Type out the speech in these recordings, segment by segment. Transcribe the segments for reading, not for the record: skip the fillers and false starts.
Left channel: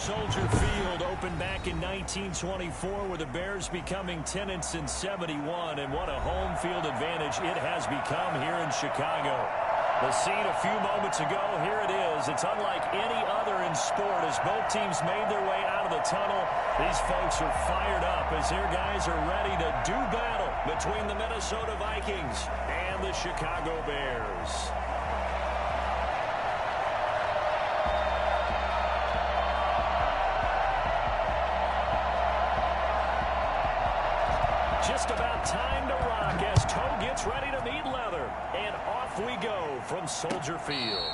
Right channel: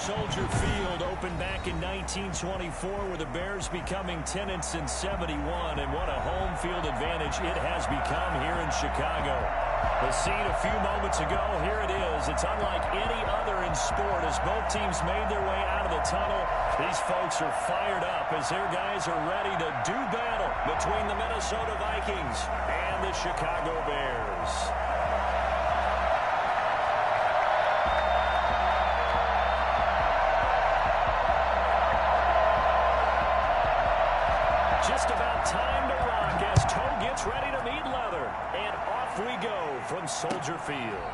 Soldier Field opened back in 1924 with the Bears becoming 10-71, and what a home field advantage it has become here in Chicago. The scene a few moments ago, here it is. It's unlike any other in sport as both teams made their way out of the tunnel. These folks are fired up as their guys are ready to do battle between the Minnesota Vikings and the Chicago Bears. Just about time to rock as toe gets ready to meet leather. And off we go from Soldier Field.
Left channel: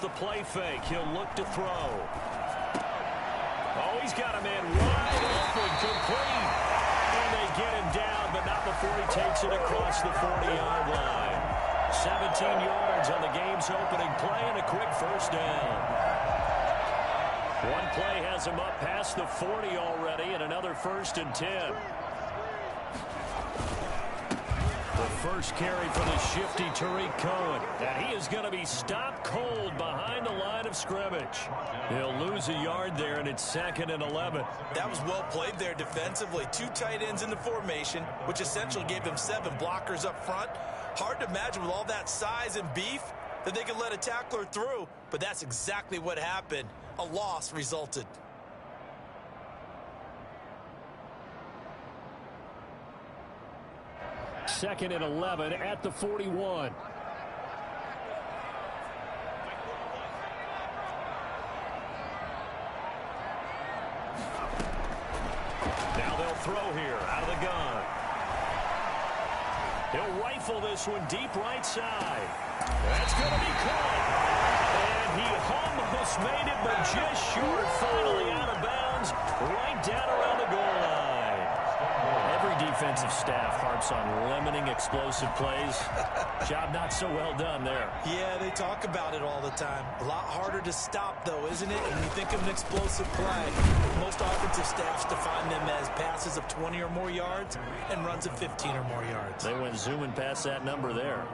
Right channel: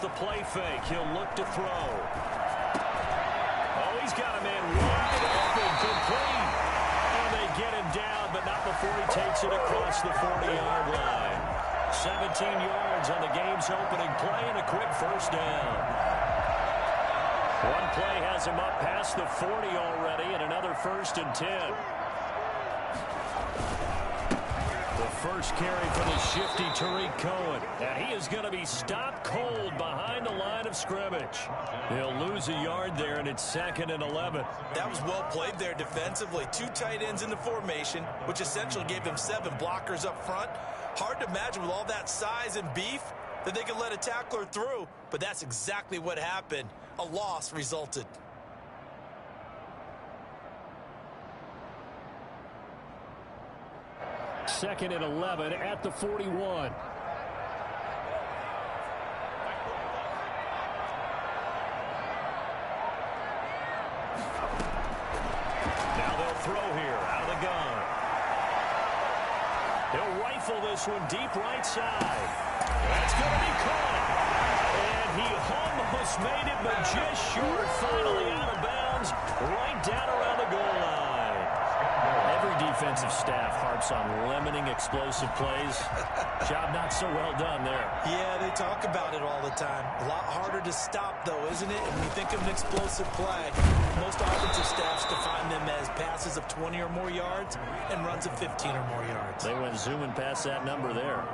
The play fake. He'll look to throw. Oh, he's got a man wide open, complete. And they get him down, but not before he takes it across the 40-yard line. 17 yards on the game's opening play and a quick first down. One play has him up past the 40 already and another 1st and 10. First carry for the shifty Tariq Cohen. And he is going to be stopped cold behind the line of scrimmage. He'll lose a yard there, and it's 2nd and 11. That was well played there defensively. 2 tight ends in the formation, which essentially gave them 7 blockers up front. Hard to imagine with all that size and beef that they could let a tackler through, but that's exactly what happened. A loss resulted. Second and 11 at the 41. Now they'll throw here out of the gun. He'll rifle this one deep right side. That's going to be caught. And he almost made it, but just short. Finally out of bounds, right down around the goal line. Every defensive staff harps on limiting explosive plays. Job not so well done there. Yeah, they talk about it all the time. A lot harder to stop, though, isn't it? When you think of an explosive play, most offensive staffs define them as passes of 20 or more yards and runs of 15 or more yards. They went zooming past that number there.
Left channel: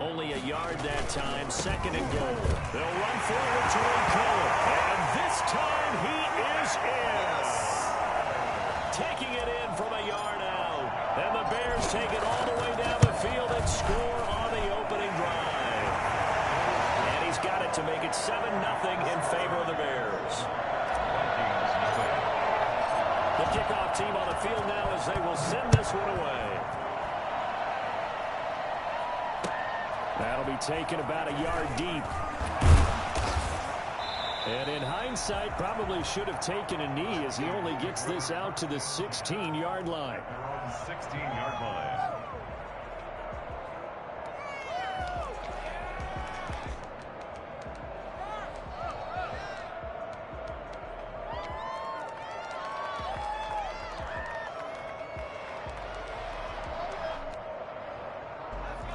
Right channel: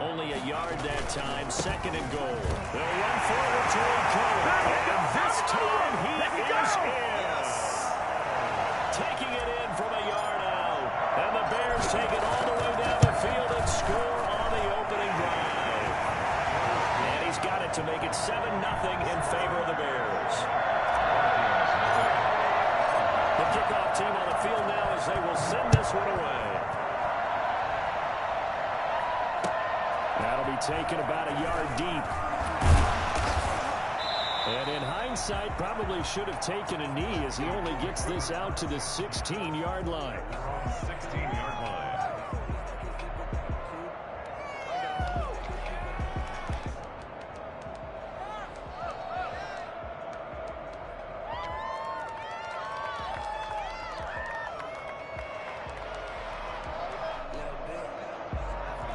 Only a yard that time, 2nd and goal. They'll run forward to Cohen. And this time he is in. Yes. Taking it in from a yard out. And the Bears take it all the way down the field and score on the opening drive. And he's got it to make it 7-0 in favor of the Bears. The kickoff team on the field now as they will send this one away. That'll be taken about a yard deep. And in hindsight, probably should have taken a knee as he only gets this out to the 16-yard line. 16-yard line.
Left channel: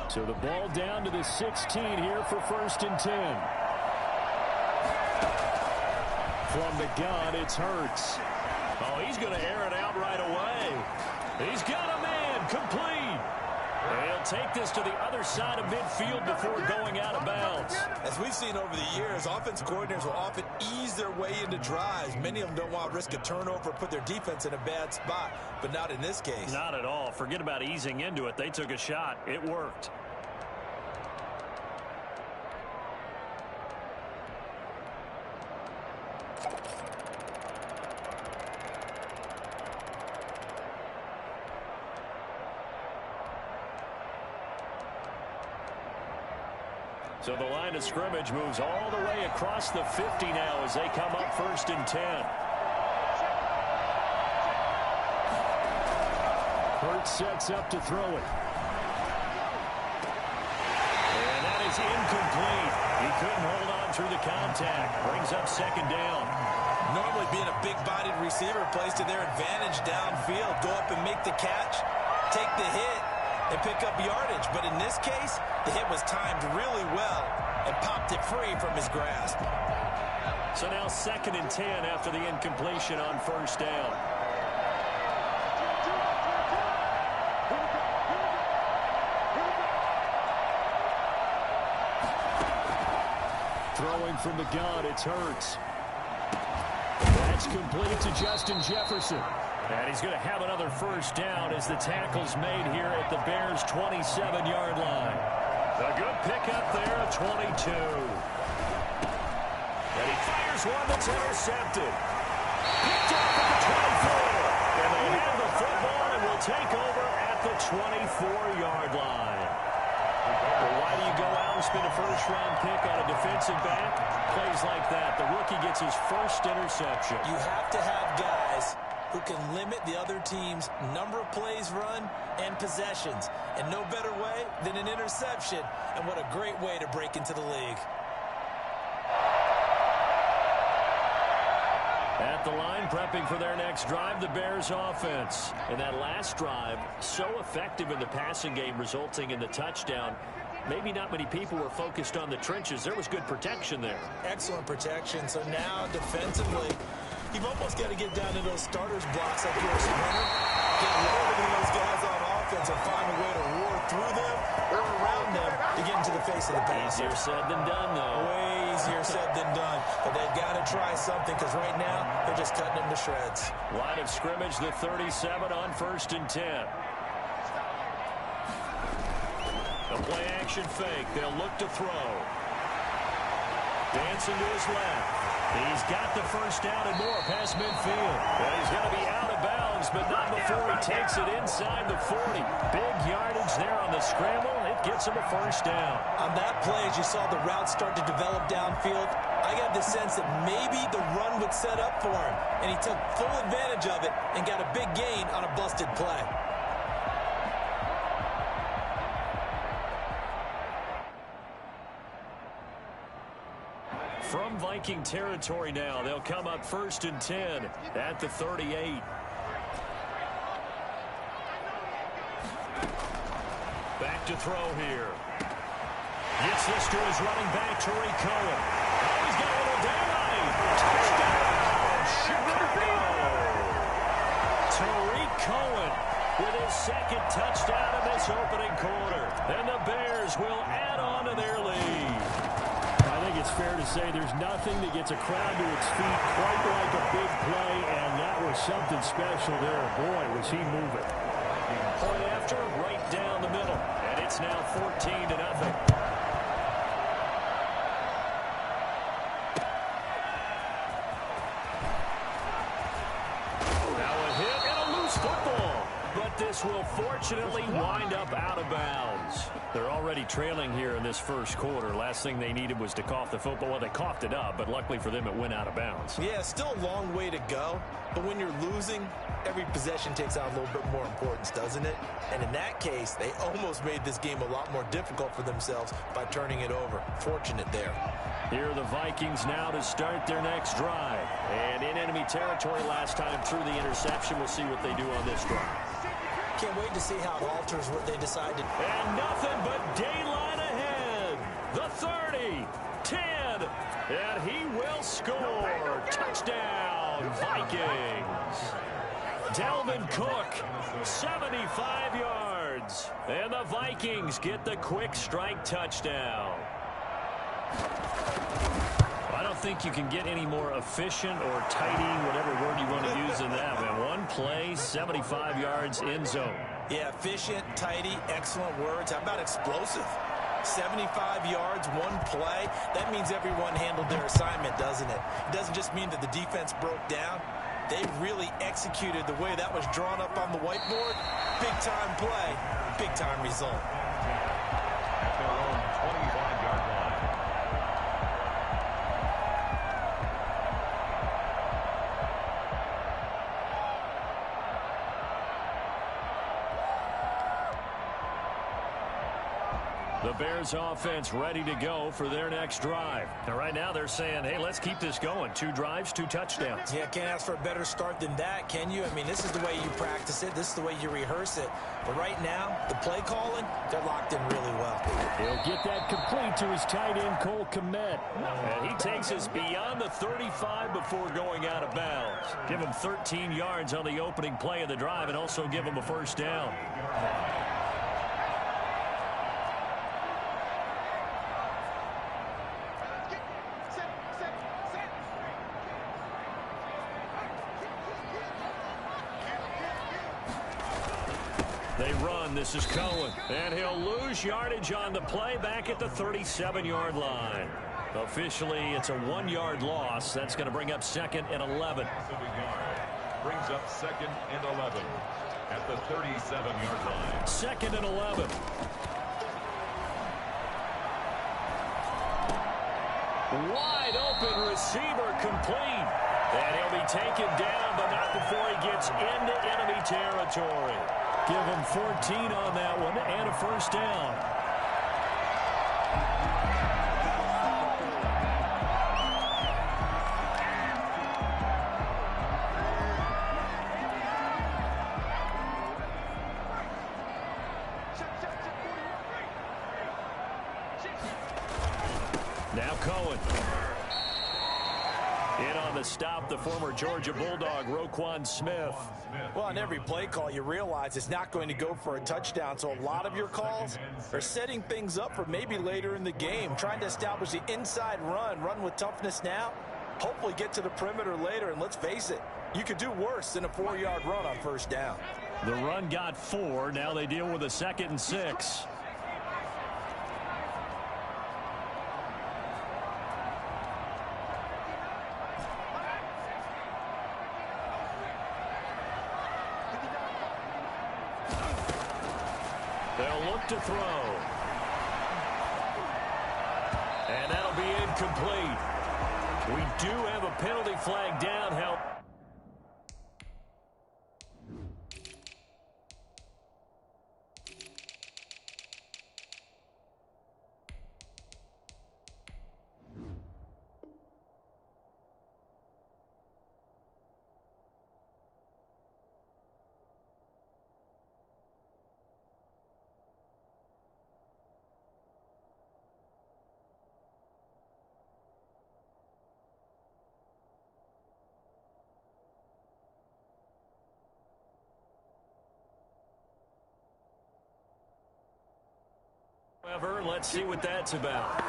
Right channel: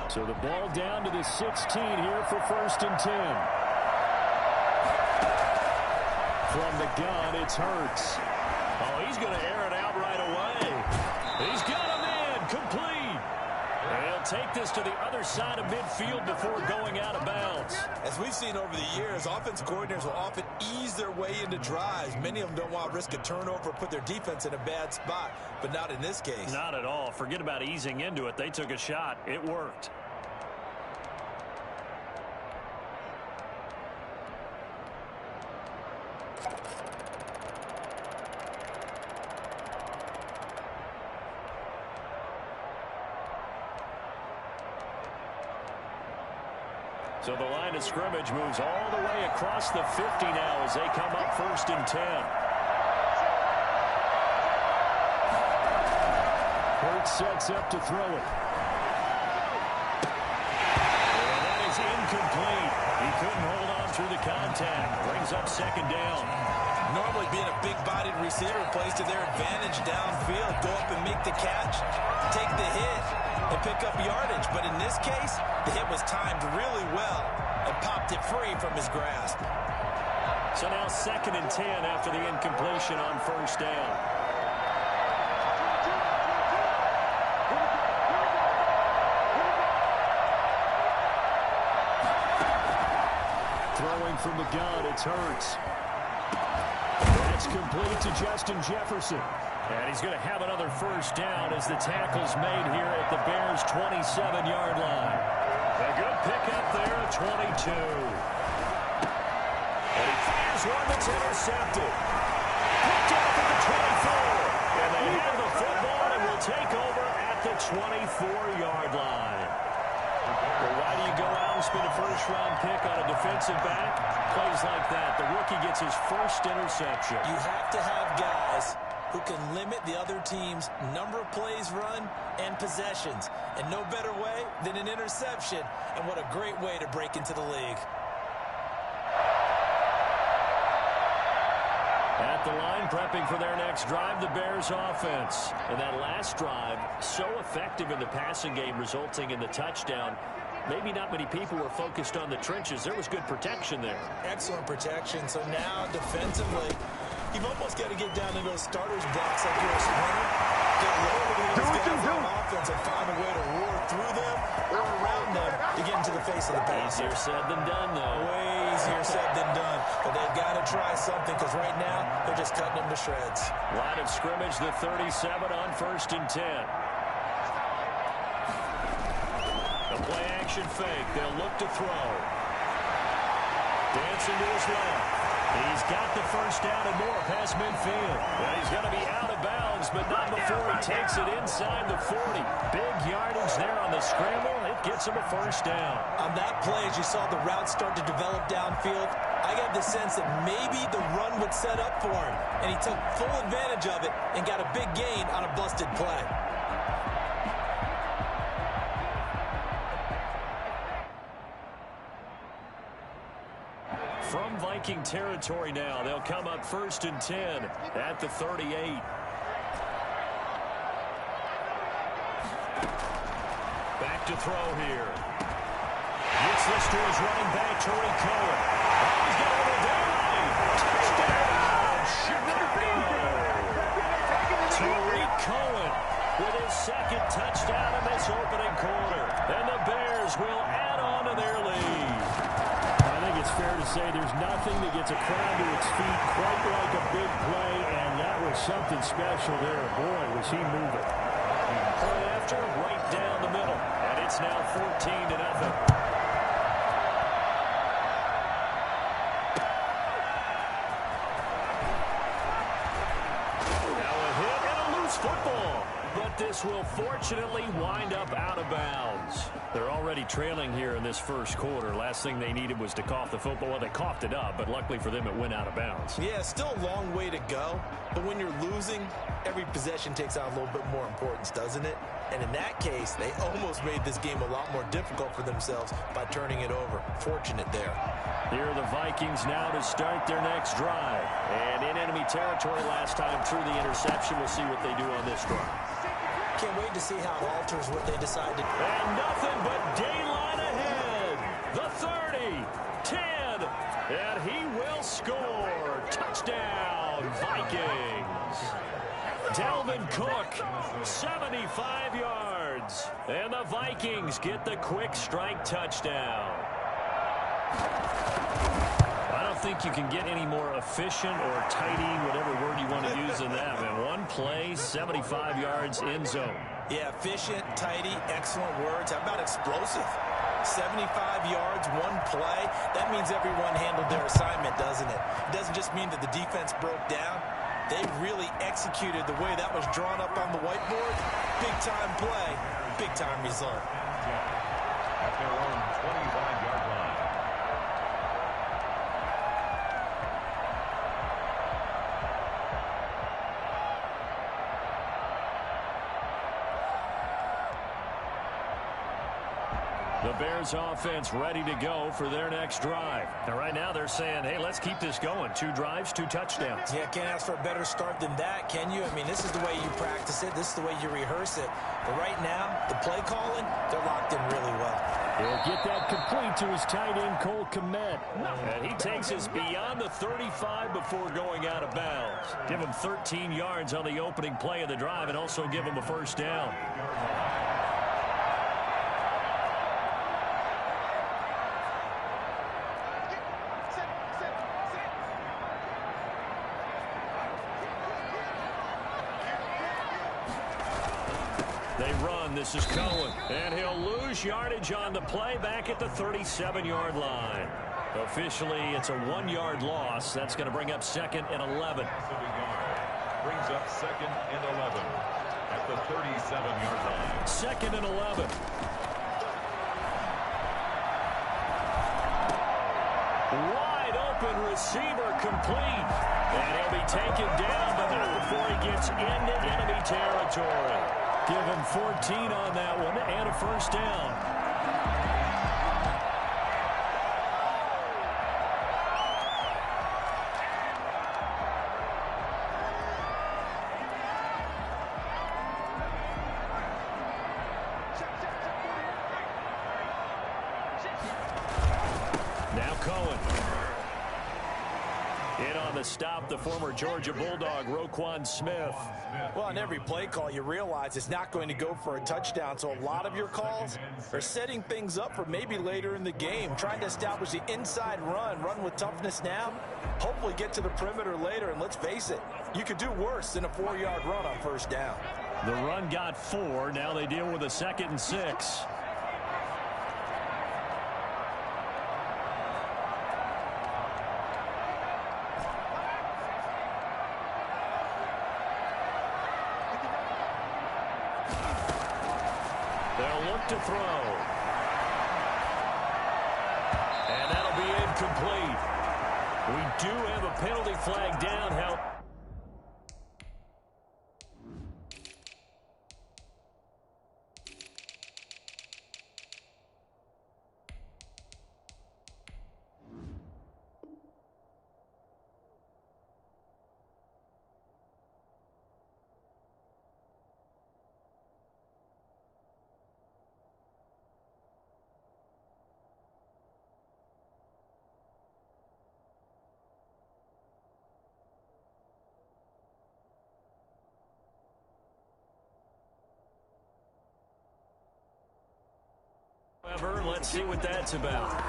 So the ball down to the 16 here for 1st and 10. From the gun, it's Hurts. Oh, he's going to air it out right away. He's got a man complete. And he'll take this to the other side of midfield before going out of bounds. As we've seen over the years, offensive coordinators will often ease their way into drives. Many of them don't want to risk a turnover or put their defense in a bad spot, but not in this case. Not at all. Forget about easing into it. They took a shot. It worked. So the line of scrimmage moves all the way across the 50 now as they come up 1st and 10. Hurts sets up to throw it. And that is incomplete. He couldn't hold on through the contact. Brings up second down. Normally being a big-bodied receiver plays to their advantage downfield. Go up and make the catch, take the hit, and pick up yardage. But in this case, the hit was timed really well and popped it free from his grasp. So now 2nd and 10 after the incompletion on first down. Throwing from the gun, it's Hurts. That's complete to Justin Jefferson. And he's going to have another first down as the tackle's made here at the Bears' 27-yard line. A good pickup there at 22. And he fires one that's intercepted. Picked off at the 24. And they have the football and will take over at the 24-yard line. Well, why do you go out and spend a first-round pick on a defensive back? Plays like that. The rookie gets his first interception. You have to have guys who can limit the other team's number of plays run and possessions. And no better way than an interception. And what a great way to break into the league. At the line, prepping for their next drive, the Bears offense. And that last drive, so effective in the passing game, resulting in the touchdown. Maybe not many people were focused on the trenches. There was good protection there. Excellent protection. So now, defensively, you've almost got to get down to those starters blocks like you're a sprinter. Get lower than those guys on offense and find a way to roar through them or around them to get into the face of the passer. Easier said than done, though. Way easier said than done. But they've got to try something because right now they're just cutting them to shreds. Line of scrimmage, the 37 on 1st and 10. The play-action fake. They'll look to throw. Dancing to his left. He's got the first down and more past midfield. Well, he's going to be out of bounds, but not before he takes it inside the 40. Big yardage there on the scramble. It gets him a first down. On that play, as you saw the route start to develop downfield, I got the sense that maybe the run would set up for him, and he took full advantage of it and got a big gain on a busted play. From Viking territory now, they'll come up 1st and 10 at the 38. Back to throw here. Gets this to his running back, Tariq Cohen. Oh, he's got a little daylight. Touchdown, Chicago. Tariq Cohen with his 2nd touchdown in this opening quarter. And the Bears will add on to their lead. I think it's fair to say there's nothing that gets a crowd to its feet quite like a big play, and that was something special there. Boy, was he moving. Point after, right down the middle, and it's now 14-0. Now a hit and a loose football, but this will fortunately wind up out of bounds. They're already trailing here in this first quarter. Last thing they needed was to cough the football. Well, they coughed it up, but luckily for them, it went out of bounds. Yeah, still a long way to go. But when you're losing, every possession takes on a little bit more importance, doesn't it? And in that case, they almost made this game a lot more difficult for themselves by turning it over. Fortunate there. Here are the Vikings now to start their next drive. And in enemy territory last time through the interception. We'll see what they do on this drive. Can't wait to see how it alters what they decide to do. And nothing but daylight ahead. The 30, 10, and he will score. Touchdown, Vikings. Dalvin Cook, 75 yards. And the Vikings get the quick strike touchdown. I don't think you can get any more efficient or tidy, whatever word you want to use in that, man. One play, 75 yards, end zone. Yeah, efficient, tidy, excellent words. How about explosive? 75 yards, one play. That means everyone handled their assignment, doesn't it? It doesn't just mean that the defense broke down. They really executed the way that was drawn up on the whiteboard. Big-time play, big-time result. At their own 25-yard line. The Bears offense ready to go for their next drive. And right now they're saying, hey, let's keep this going. 2 drives, 2 touchdowns. Yeah, can't ask for a better start than that, can you? I mean, this is the way you practice it. This is the way you rehearse it. But right now, the play calling, they're locked in really well. He'll get that complete to his tight end, Cole Kmet. And he takes us beyond the 35 before going out of bounds. Give him 13 yards on the opening play of the drive and also give him a first down. They run. This is Cohen. And he'll lose yardage on the play back at the 37-yard line. Officially, it's a 1-yard loss. That's going to bring up 2nd and 11. Brings up 2nd and 11 at the 37-yard line. 2nd and 11. Wide open receiver complete. And he'll be taken down, but not before he gets into enemy territory. Give him 14 on that one and a first down. Now Cohen. In on the stop, the former Georgia Bulldog, Roquan Smith. Well, on every play call, you realize it's not going to go for a touchdown. So a lot of your calls are setting things up for maybe later in the game, trying to establish the inside run with toughness now, hopefully get to the perimeter later. And let's face it, you could do worse than a 4-yard run on first down. The run got 4. Now they deal with a 2nd and 6. They'll look to throw. And that'll be incomplete. We do have a penalty flag down. However, let's see what that's about.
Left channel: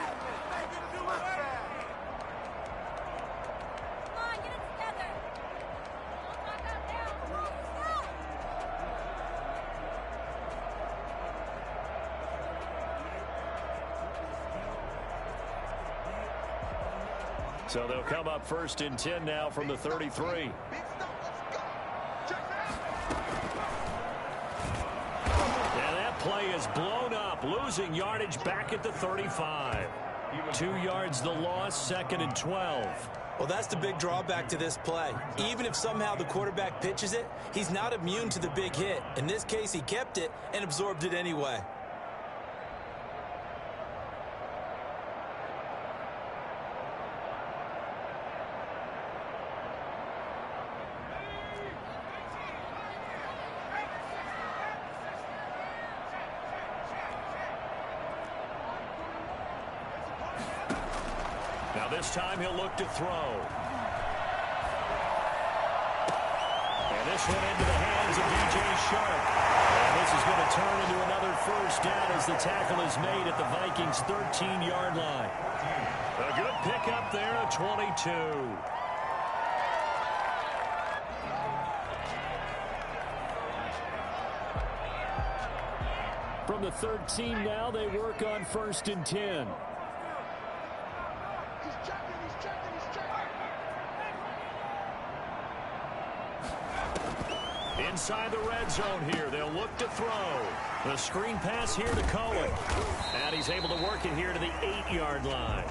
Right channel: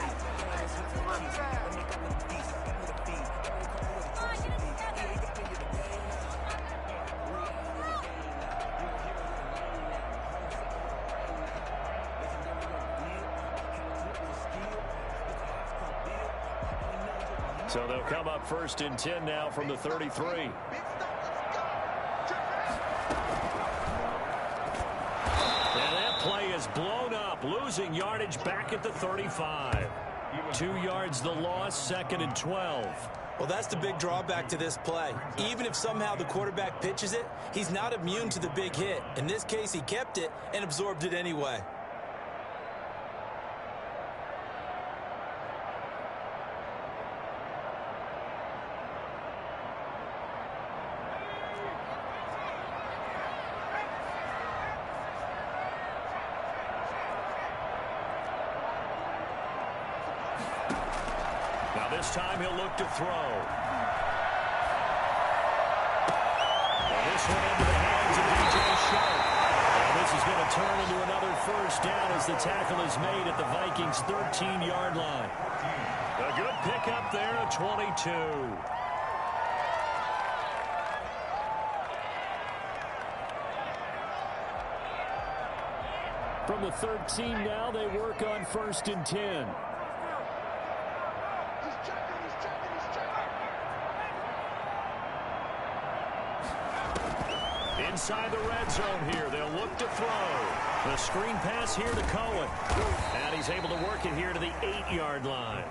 So they'll come up 1st and 10 now from the 33. Play is blown up, losing yardage back at the 35. 2 yards the loss, 2nd and 12. Well, that's the big drawback to this play. Even if somehow the quarterback pitches it, he's not immune to the big hit. In this case, he kept it and absorbed it anyway. Now this time he'll look to throw. And this one into the hands of DJ Sharp. And this is going to turn into another first down as the tackle is made at the Vikings' 13-yard line. A good pickup there at 22. From the 13 now, they work on 1st and 10. Inside the red zone here, they'll look to throw. The screen pass here to Cohen. And he's able to work it here to the 8-yard line.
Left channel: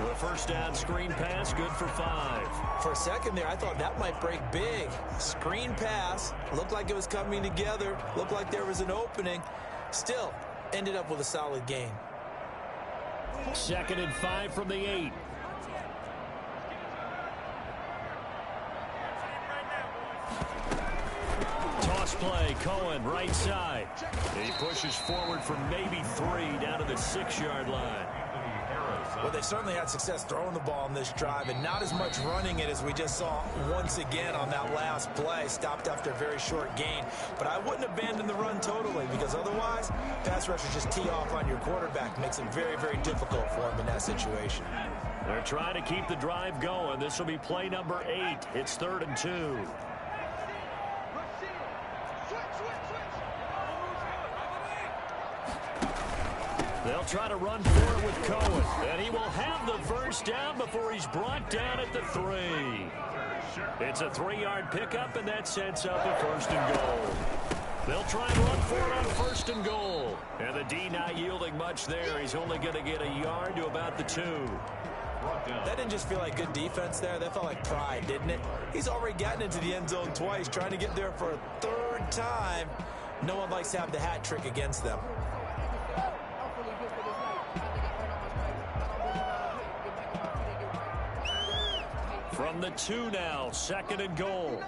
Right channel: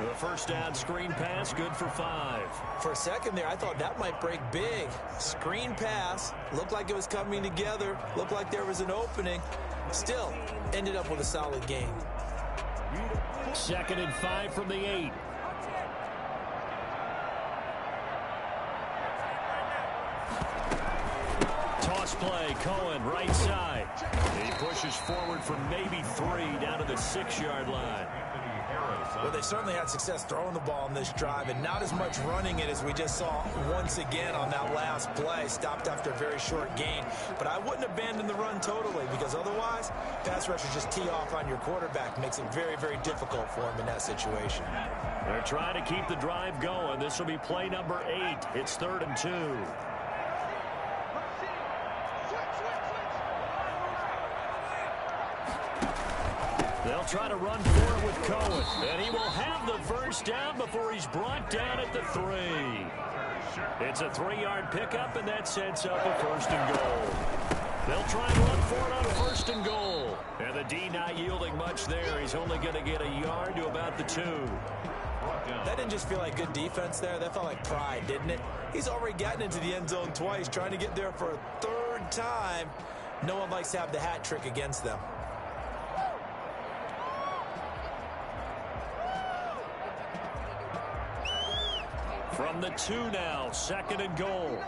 The first down screen pass, good for 5. For a second there, I thought that might break big. Screen pass, looked like it was coming together, looked like there was an opening. Still, ended up with a solid game. 2nd and 5 from the 8. Toss play, Cohen, right side. He pushes forward for maybe 3 down to the 6-yard line. Well, they certainly had success throwing the ball in this drive and not as much running it as we just saw once again on that last play. Stopped after a very short gain. But I wouldn't abandon the run totally because otherwise, pass rushers just tee off on your quarterback. Makes it very, very difficult for him in that situation. They're trying to keep the drive going. This will be play number 8. It's 3rd and 2. They'll try to run for it with Cohen. And he will have the first down before he's brought down at the 3. It's a 3-yard pickup, and that sets up a 1st and goal. They'll try and run for it on 1st and goal. And the D not yielding much there. He's only going to get a yard to about the 2. That didn't just feel like good defense there. That felt like pride, didn't it? He's already gotten into the end zone twice, trying to get there for a 3rd time. No one likes to have the hat trick against them. From the 2 now, 2nd and goal.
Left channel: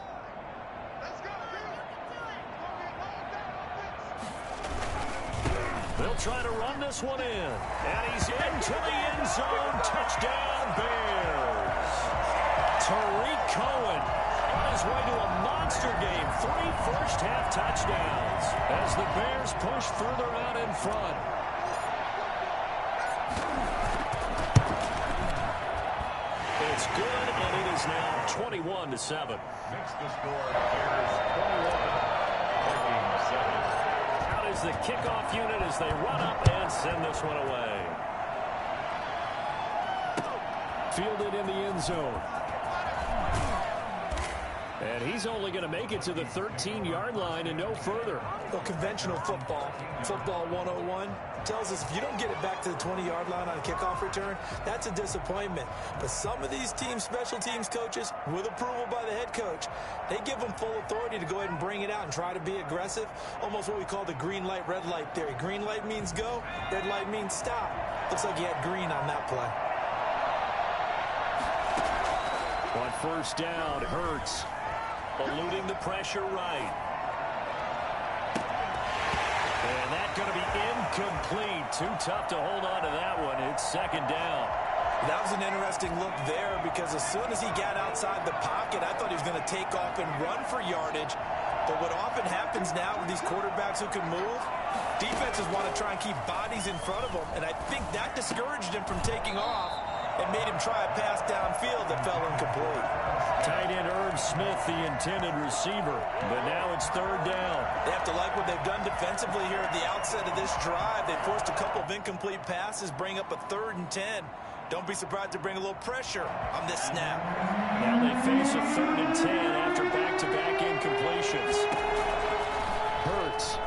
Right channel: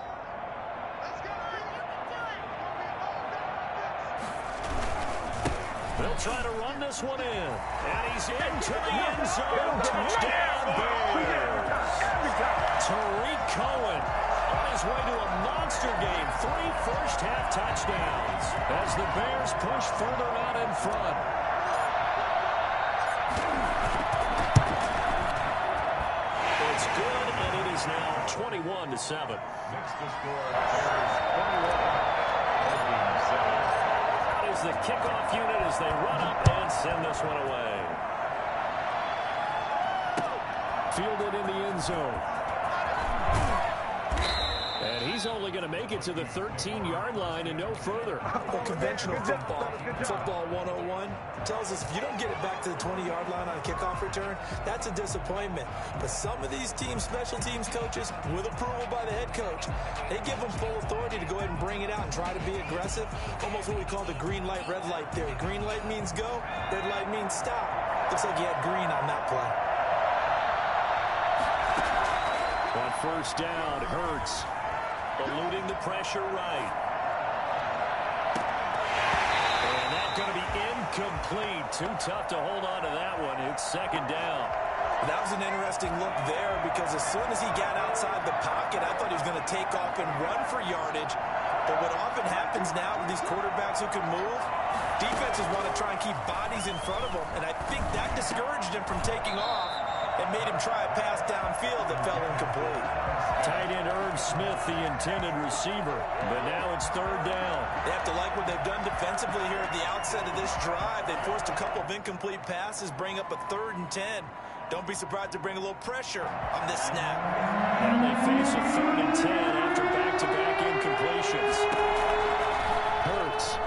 They'll try to run this one in. And he's into the end zone. Touchdown, Bears. Tariq Cohen on his way to a monster game. 3 first-half touchdowns as the Bears push further out in front. It's good, and it is now 21-7. Next to score, Bears 21, Vikings 7. Out is the kickoff unit as they run up and send this one away. Fielded in the end zone. And he's only going to make it to the 13-yard line and no further. Well, conventional football 101, tells us if you don't get it back to the 20-yard line on a kickoff return, that's a disappointment. But some of these teams, special teams coaches, with approval by the head coach, they give them full authority to go ahead and bring it out and try to be aggressive. Almost what we call the green light, red light theory. Green light means go, red light means stop. Looks like he had green on that play. On 1st down, Hurts eluding the pressure right. And that's going to be incomplete. Too tough to hold on to that one. It's 2nd down. That was an interesting look there because as soon as he got outside the pocket, I thought he was going to take off and run for yardage. But what often happens now with these quarterbacks who can move, defenses want to try and keep bodies in front of them. And I think that discouraged him from taking off and made him try a pass downfield that fell incomplete. Tight end Irv Smith, the intended receiver. But now it's 3rd down. They have to like what they've done defensively here at the outset of this drive. They forced a couple of incomplete passes, bring up a 3rd and 10. Don't be surprised to bring a little pressure on this snap. Now they face a 3rd and 10 after back-to-back incompletions. Hurts.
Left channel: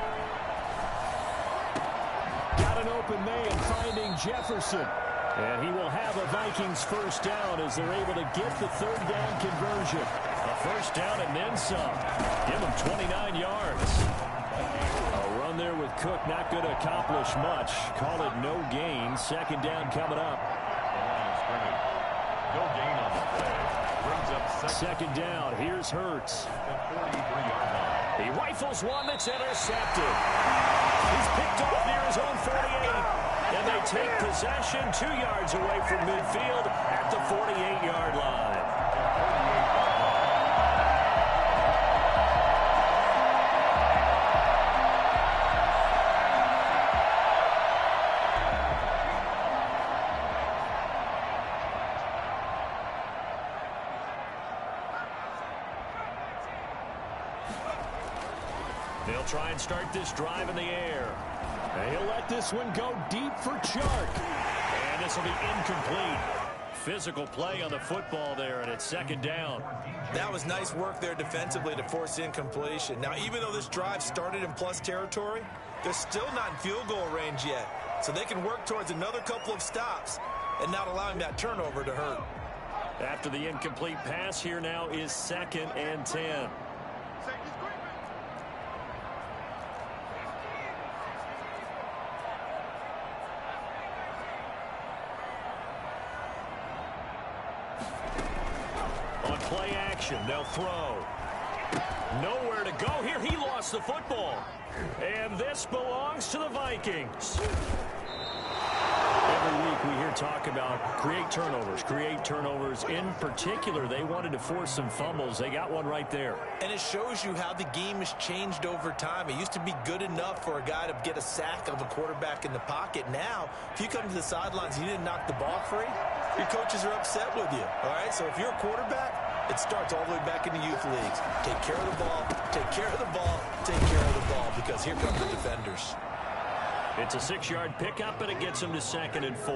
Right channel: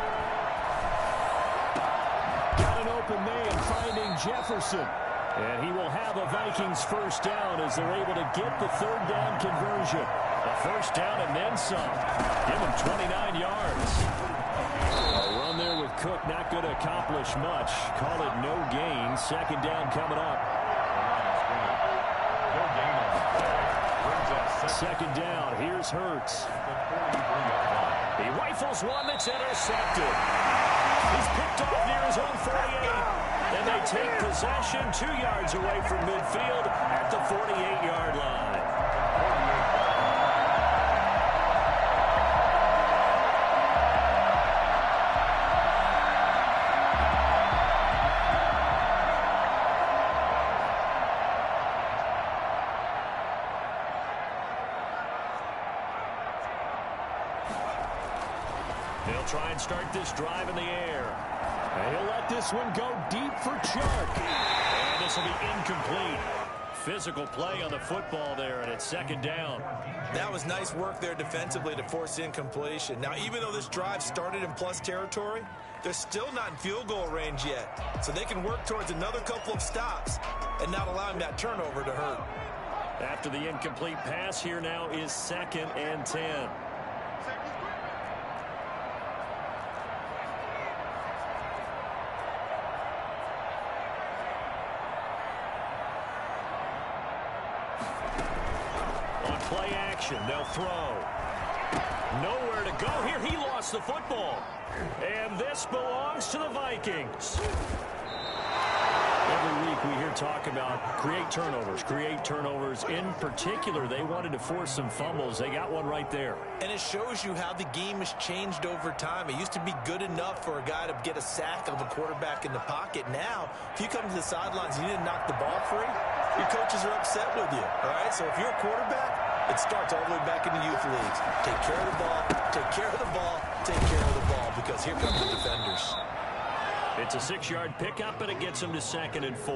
Got an open man finding Jefferson. And he will have a Vikings 1st down as they're able to get the 3rd down conversion. A 1st down and then some. Give them 29 yards. A run there with Cook not going to accomplish much. Call it no gain. 2nd down coming up. No gain on the play. Brings up 2nd down. Here's Hurts. The 43-yard line. He rifles one that's intercepted. He's picked off near his own 48. And they take possession 2 yards away from midfield at the 48-yard line. They'll try and start this drive in the air. And he'll let this one go deep for Chark. And this will be incomplete. Physical play on the football there, and it's 2nd down. That was nice work there defensively to force incompletion. Now, even though this drive started in plus territory, they're still not in field goal range yet. So they can work towards another couple of stops and not allowing that turnover to hurt. After the incomplete pass, here now is 2nd and 10. Play action. They'll throw. Nowhere to go here. He lost the football. And this belongs to the Vikings. Every week we hear talk about create turnovers. In particular, they wanted to force some fumbles. They got one right there. And it shows you how the game has changed over time. It used to be good enough for a guy to get a sack of a quarterback in the pocket. Now, if you come to the sidelines and you didn't knock the ball free, your coaches are upset with you. All right, so if you're a quarterback, it starts all the way back in the youth leagues. Take care of the ball, take care of the ball, take care of the ball, because here come the defenders. It's a 6-yard pickup, and it gets them to 2nd and 4.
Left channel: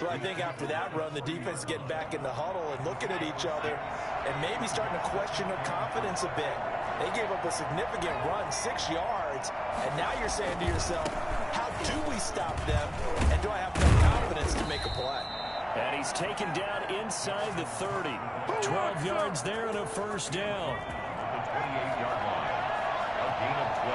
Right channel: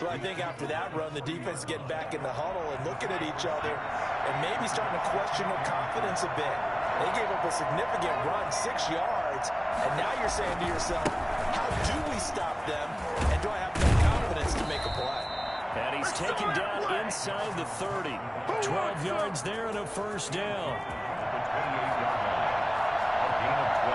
So I think after that run, the defense is getting back in the huddle and looking at each other and maybe starting to question their confidence a bit. They gave up a significant run, 6 yards, and now you're saying to yourself, how do we stop them, and do I have enough confidence to make a play? And he's taken down inside the 30. 12 yards there and a first down. The 28-yard line. A gain of 12.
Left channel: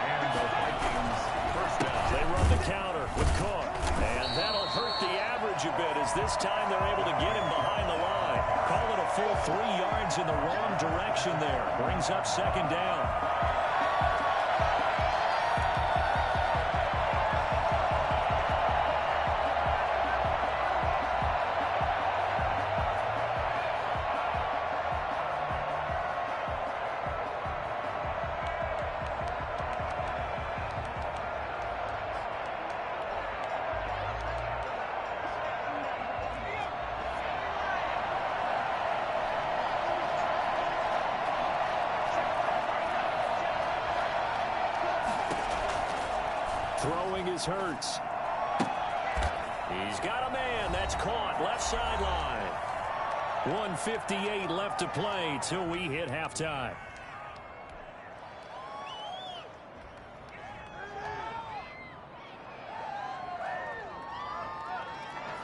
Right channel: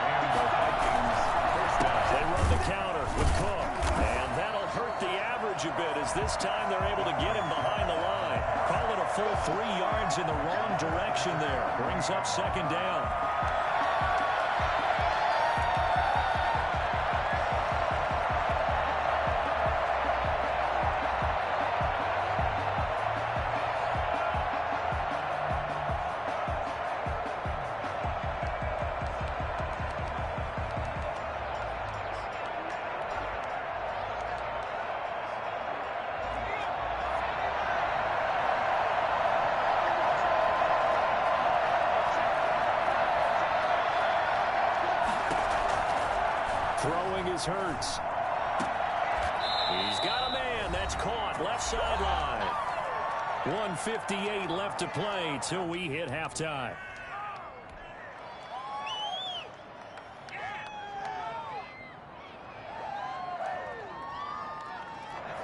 And the Vikings first down. They run the counter with Cook. And that'll hurt the average a bit, as this time they're able to get him behind the line. Call it a full 3 yards in the wrong direction there. Brings up 2nd down. Throwing is Hurts. He's got a man. That's caught. Left sideline. 1:58 left to play till we hit halftime.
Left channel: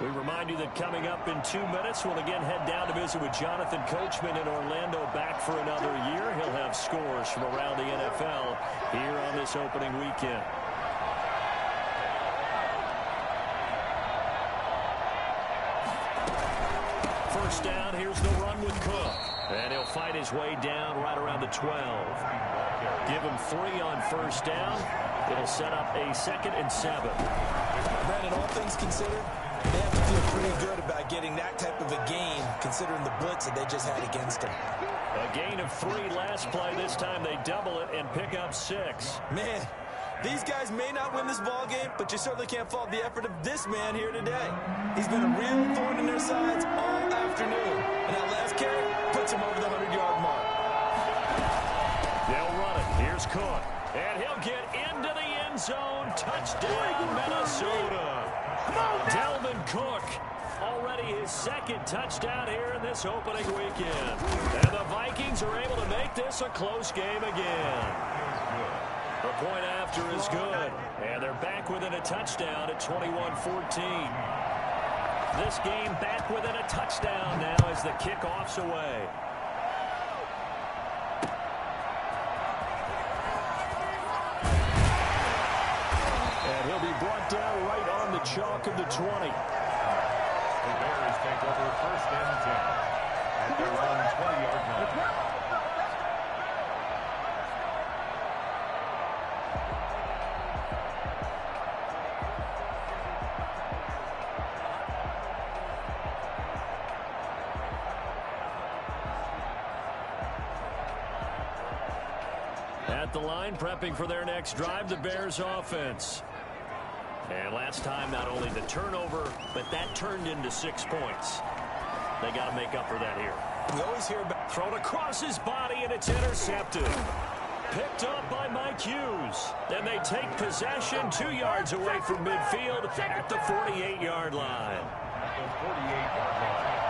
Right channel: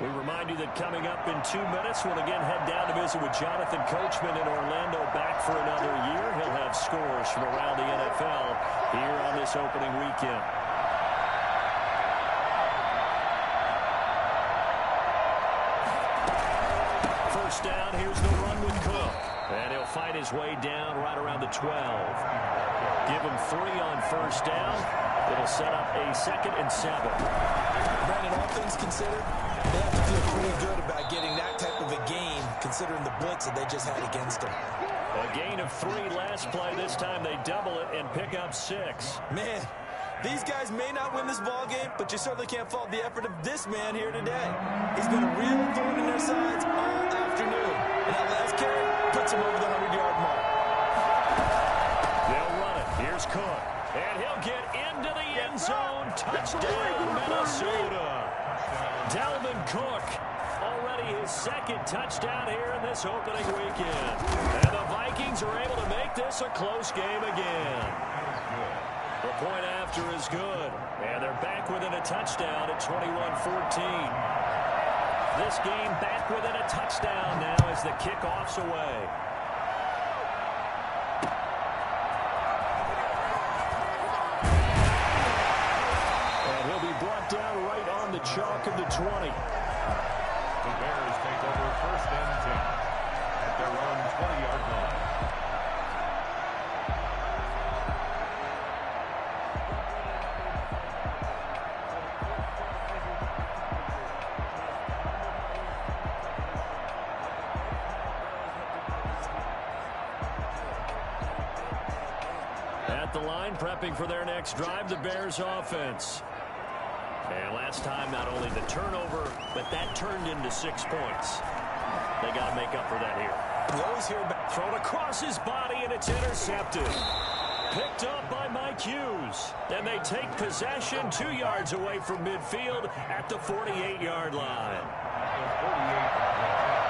We remind you that coming up in 2 minutes, we'll again head down to visit with Jonathan Coachman in Orlando, back for another year. He'll have scores from around the NFL here on this opening weekend. First down, here's the run with Cook. And he'll fight his way down right around the 12. Give him 3 on first down. It'll set up a 2nd and 7. Brandon, all things considered, they have to feel pretty good about getting that type of a gain, considering the blitz that they just had against them. A gain of 3 last play. This time they double it and pick up 6. Man, these guys may not win this ball game, but you certainly can't fault the effort of this man here today. He's been a real thorn in their sides all afternoon. And that last carry puts him over the 100-yard mark. They'll run it. Here's Cook. And he'll get into the end zone. Touchdown, Minnesota. Dalvin Cook, already his 2nd touchdown here in this opening weekend. And the Vikings are able to make this a close game again. The point after is good. And they're back within a touchdown at 21-14. This game back within a touchdown now as the kickoff's away. And he'll be brought down right on the chalk of the 20. The Bears take over 1st and 10 at their own 20-yard line. At the line, prepping for their next drive, the Bears offense. And last time, not only the turnover, but that turned into 6 points. They got to make up for that here. We always hear about thrown across his body, and it's intercepted. Picked up by Mike Hughes. Then they take possession 2 yards away from midfield at the 48-yard line. At the 48-yard line.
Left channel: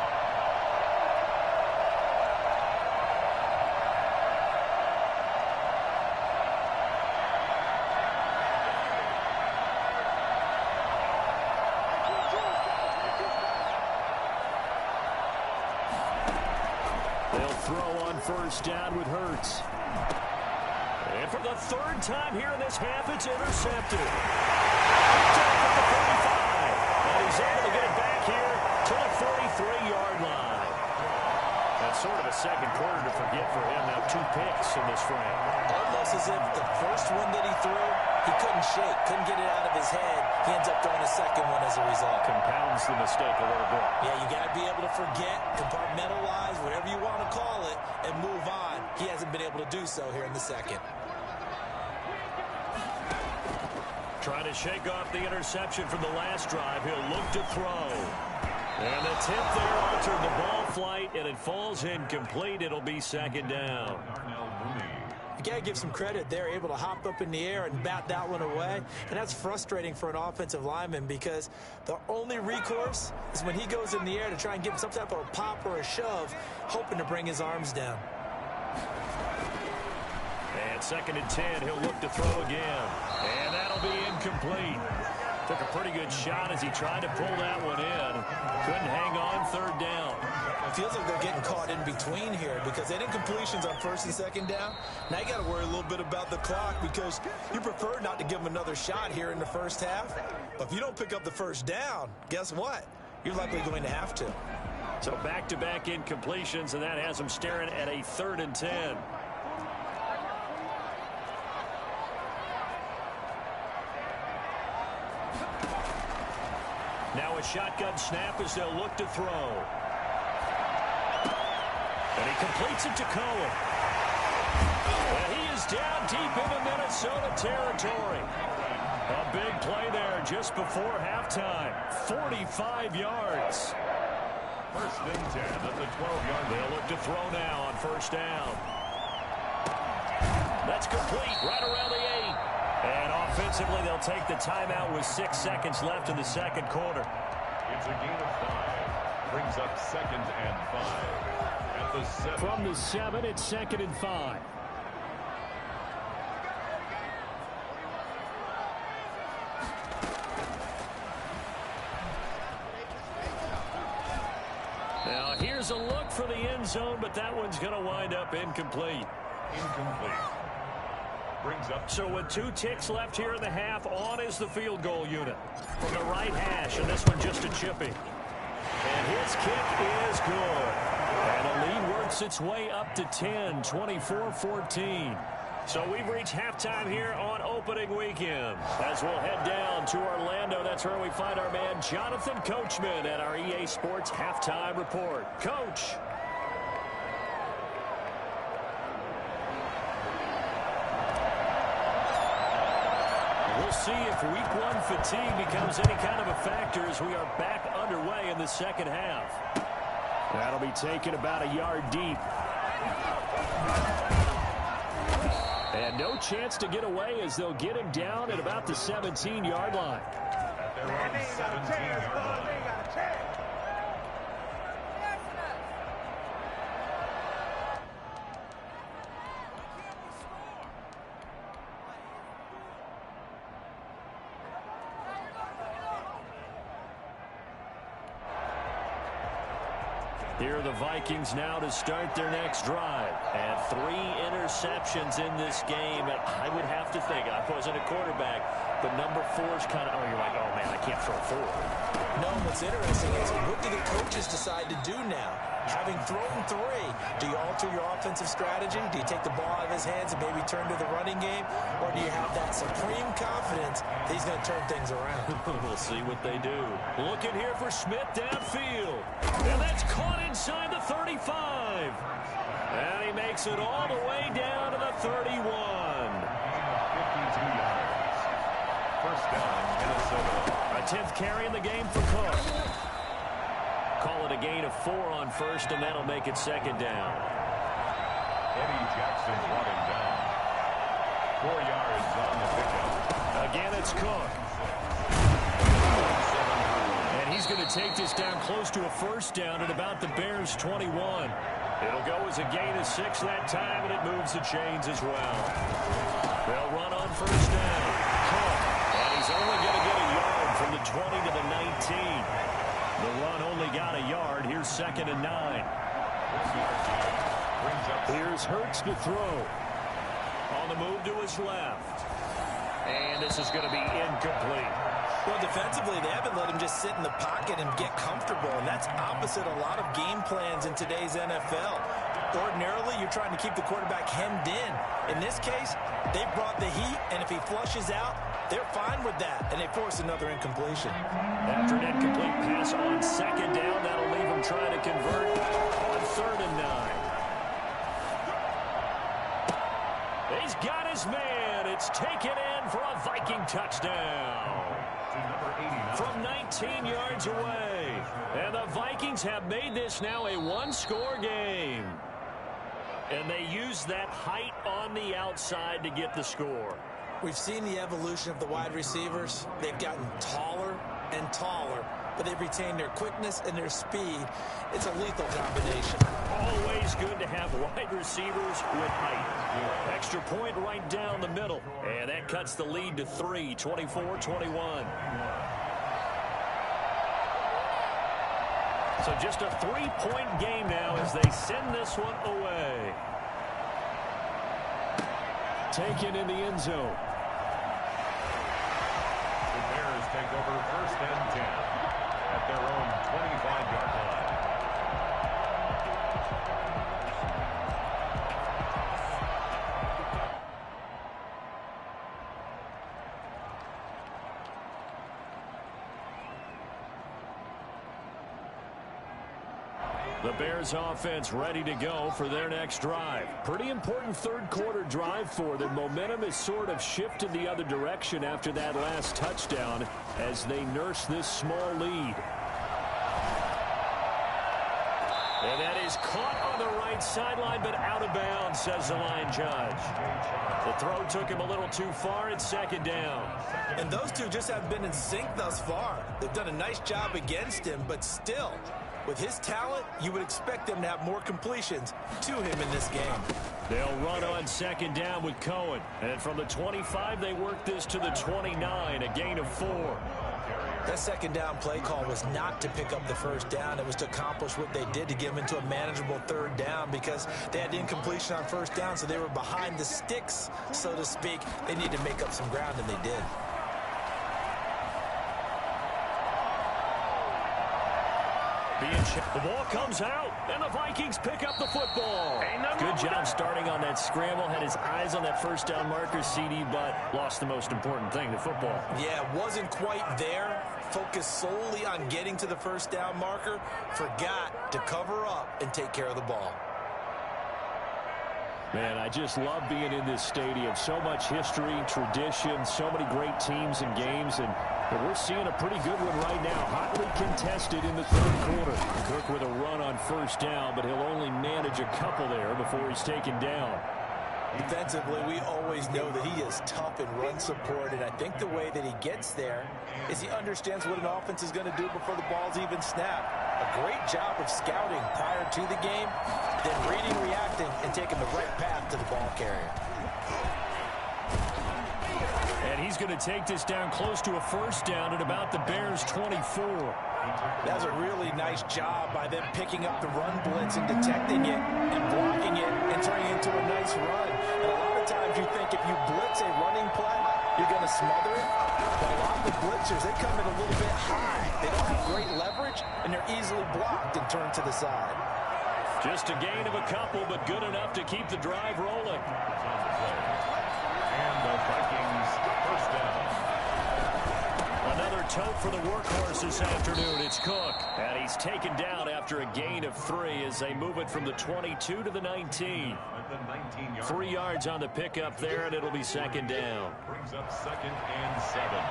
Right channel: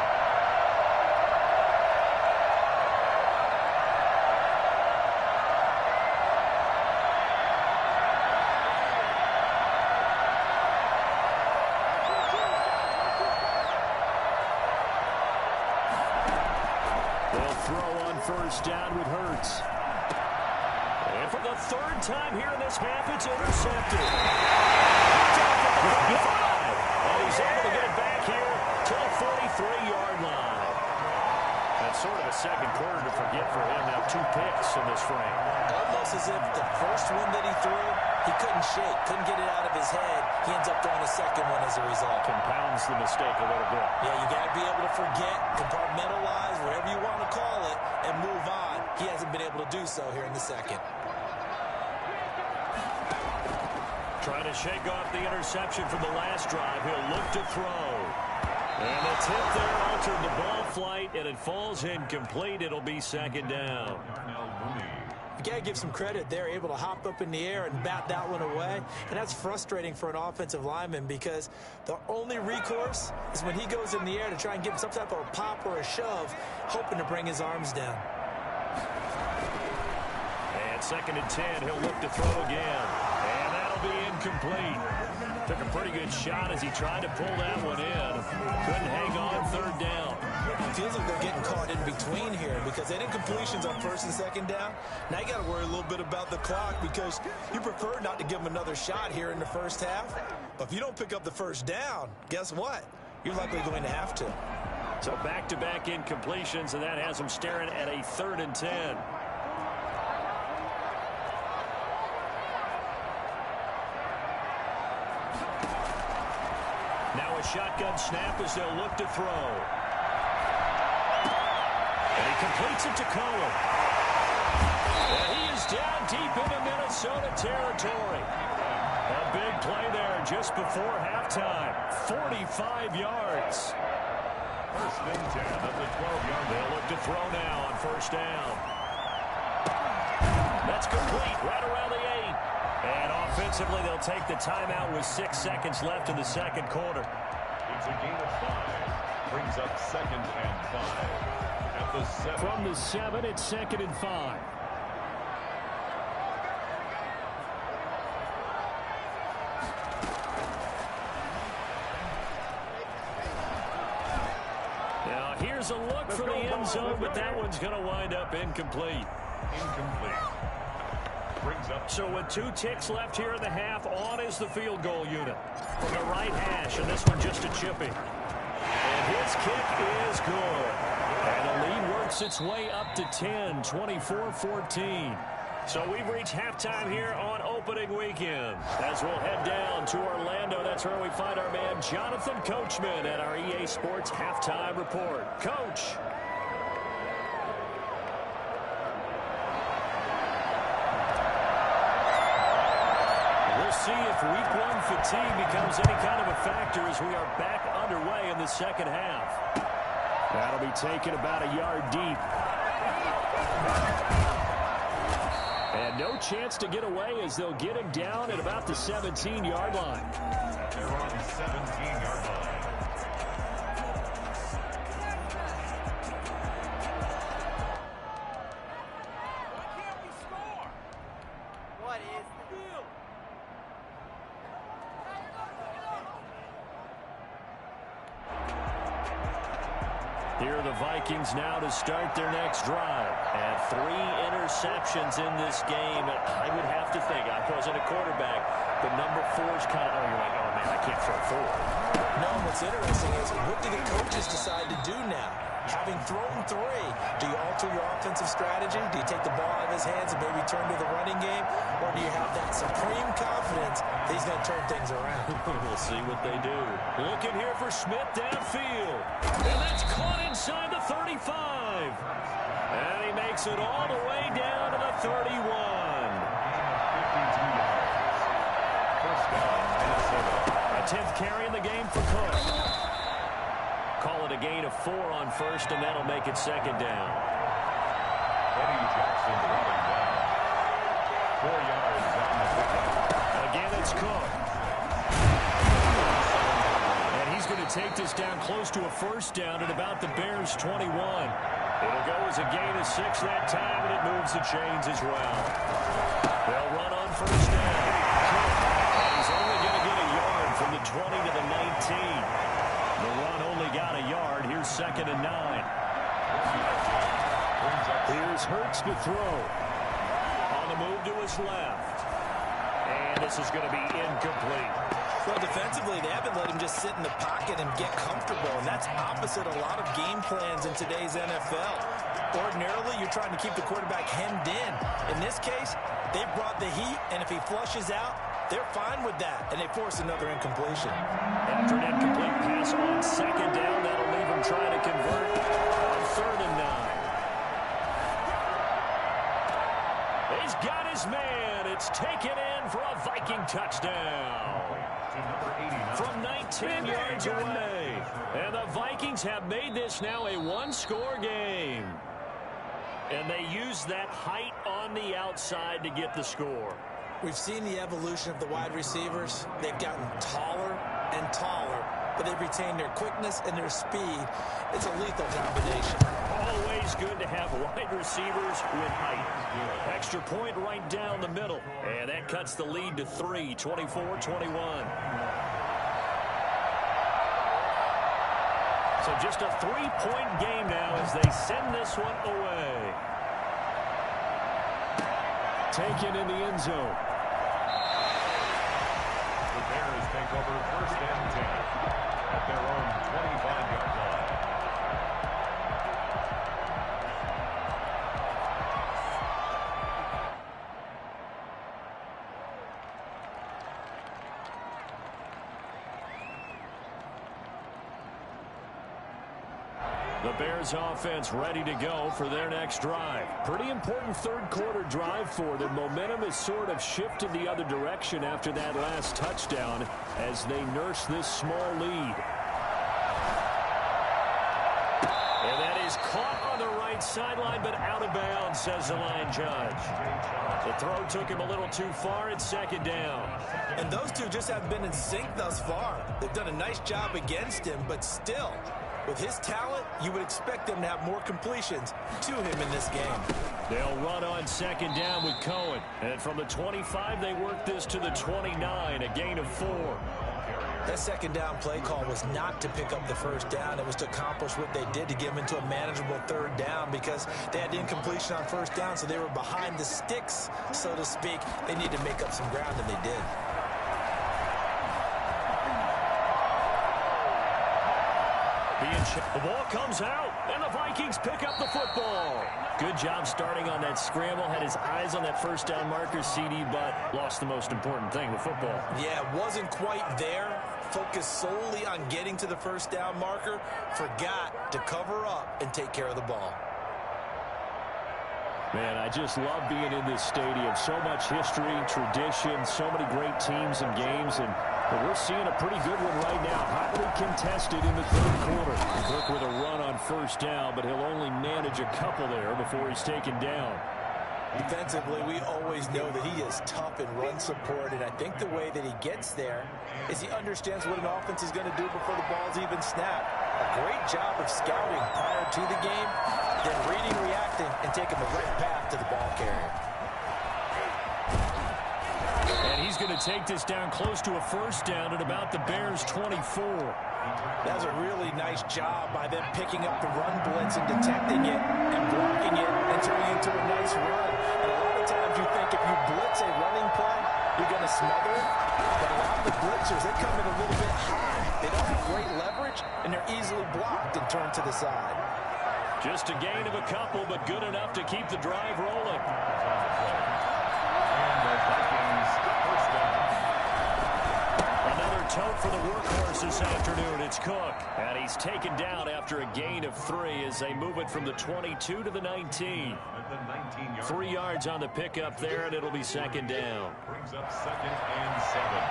Throw on first down with Hurts. And for the 3rd time here in this half, it's intercepted. Picked off at the 35. And he's able to get it back here to the 43-yard line. That's sort of a second quarter to forget for him. Now 2 picks in this frame. Almost as if the first one that he threw, he couldn't shake, couldn't get it out of his head. He ends up throwing a second one as a result. Compounds the mistake a little bit. Yeah, you got to be able to forget, compartmentalize, whatever you want to call it, and move on. He hasn't been able to do so here in the second. Trying to shake off the interception from the last drive. He'll look to throw. And the tip there altered the ball flight, and it falls incomplete. It'll be second down. You got to give some credit. They're able to hop up in the air and bat that one away. And that's frustrating for an offensive lineman because the only recourse is when he goes in the air to try and give some type of a pop or a shove, hoping to bring his arms down. And 2nd and 10, he'll look to throw again. And that'll be incomplete. Took a pretty good shot as he tried to pull that one in. Couldn't hang on 3rd down. It feels like they're getting caught in between here because they didn't completions on 1st and 2nd down. Now you got to worry a little bit about the clock because you prefer not to give them another shot here in the first half. But if you don't pick up the 1st down, guess what? You're likely going to have to. So back-to-back incompletions, and that has them staring at a 3rd and 10. Now a shotgun snap as they'll look to throw. And he completes it to Cohen. And he is down deep into Minnesota territory. A big play there just before halftime. 45 yards. 1st and 10 at the 12-yard. They'll look to throw now on 1st down. That's complete right around the 8. And offensively, they'll take the timeout with 6 seconds left in the second quarter. It's a gain of 5. Brings up 2nd and 5. At the 7. From the 7, it's 2nd and 5. Now here's a look for the end zone, but that one's going to wind up incomplete. Incomplete. Brings up. So with 2 ticks left here in the half, on is the field goal unit from the right hash, and this one just a chippy. And his kick is good. And the lead works its way up to 10, 24-14. So we've reached halftime here on opening weekend. As we'll head down to Orlando, that's where we find our man Jonathan Coachman at our EA Sports Halftime Report. Coach. We'll see if week 1 fatigue becomes any kind of a factor as we are back underway in the second half. That'll be taken about a yard deep. And no chance to get away as they'll get him down at about the 17-yard line. At their own 17-yard line. Here are the Vikings now to start their next drive. And 3 interceptions in this game. And I would have to think, I wasn't a quarterback, but number 4's kind of, you're like, oh, man, I can't throw 4. No, what's interesting is what do the coaches decide to do now? Having thrown 3, do you alter your offensive strategy? Do you take the ball out of his hands and maybe turn to the running game? Or do you have that supreme confidence that he's going to turn things around? We'll see what they do. Looking here for Smith downfield. And that's caught inside the 35. And he makes it all the way down to the 31. Gain of 52 yards. 1st down, Minnesota. A 10th carry in the game for Cook. Call it a gain of 4 on 1st, and that'll make it 2nd down. Eddie Jackson brought him down. 4 yards on the pickup. Again, it's Cook. And he's going to take this down close to a 1st down at about the Bears' 21. It'll go as a gain of 6 that time, and it moves the chains as well. They'll run on 1st down. Cook. And he's only going to get a yard from the 20 to the 19. The run only got a yard. Here's 2nd and 9. Here's Hurts to throw. On the move to his left. And this is going to be incomplete. Well, defensively, they haven't let him just sit in the pocket and get comfortable, and that's opposite a lot of game plans in today's NFL. Ordinarily, you're trying to keep the quarterback hemmed in. In this case, they brought the heat, and if he flushes out, they're fine with that, and they force another incompletion. After an incomplete pass on second down, that'll leave him trying to convert on 3rd and 9. He's got his man. It's taken in for a Viking touchdown from 19 yards away. And the Vikings have made this now a one-score game. And they use that height on the outside to get the score. We've seen the evolution of the wide receivers. They've gotten taller and taller, but they've retained their quickness and their speed. It's a lethal combination. Always good to have wide receivers with height. Extra point right down the middle. And that cuts the lead to 3, 24-21. So just a 3-point game now as they send this one away. Taken in the end zone. The Bears take over 1st and 10 at their own 25-yard line. The Bears offense ready to go for their next drive. Pretty important third quarter drive for them. Momentum has sort of shifted the other direction after that last touchdown as they nurse this small lead. And that is caught on the right sideline, but out of bounds, says the line judge. The throw took him a little too far. It's 2nd down. And those two just haven't been in sync thus far. They've done a nice job against him, but still, with his talent, you would expect them to have more completions to him in this game. They'll run on 2nd down with Cohen. And from the 25, they work this to the 29, a gain of 4. That 2nd down play call was not to pick up the 1st down. It was to accomplish what they did to get them into a manageable 3rd down because they had incompletion on 1st down, so they were behind the sticks, so to speak. They needed to make up some ground, and they did. The ball comes out, and the Vikings pick up the football. Good job starting on that scramble. Had his eyes on that 1st down marker, CD, but lost the most important thing, the football. Yeah, wasn't quite there. Focused solely on getting to the 1st down marker. Forgot to cover up and take care of the ball. Man, I just love being in this stadium. So much history, tradition, so many great teams and games, and we're seeing a pretty good one right now. Hotly contested in the 3rd quarter. Cook with a run on 1st down, but he'll only manage a couple there before he's taken down. Defensively, we always know that he is tough in run support, and I think the way that he gets there is he understands what an offense is going to do before the ball's even snapped. A great job of scouting prior to the game, then reading, reacting, and taking the right path to the ball carrier. And he's going to take this down close to a 1st down at about the Bears' 24. That was a really nice job by them picking up the run blitz and detecting it and blocking it and turning it into a nice run. And a lot of times you think if you blitz a running play, you're going to smother it. But a lot of the blitzers, they come in a little bit high. They don't have great leverage, and they're easily blocked and turned to the side. Just a gain of a couple, but good enough to keep the drive rolling. And the Vikings 1st down. Another tote for the workhorse this afternoon. It's Cook. And he's taken down after a gain of 3 as they move it from the 22 to the 19. 3 yards on the pickup there, and it'll be 2nd down. Brings up 2nd and 7.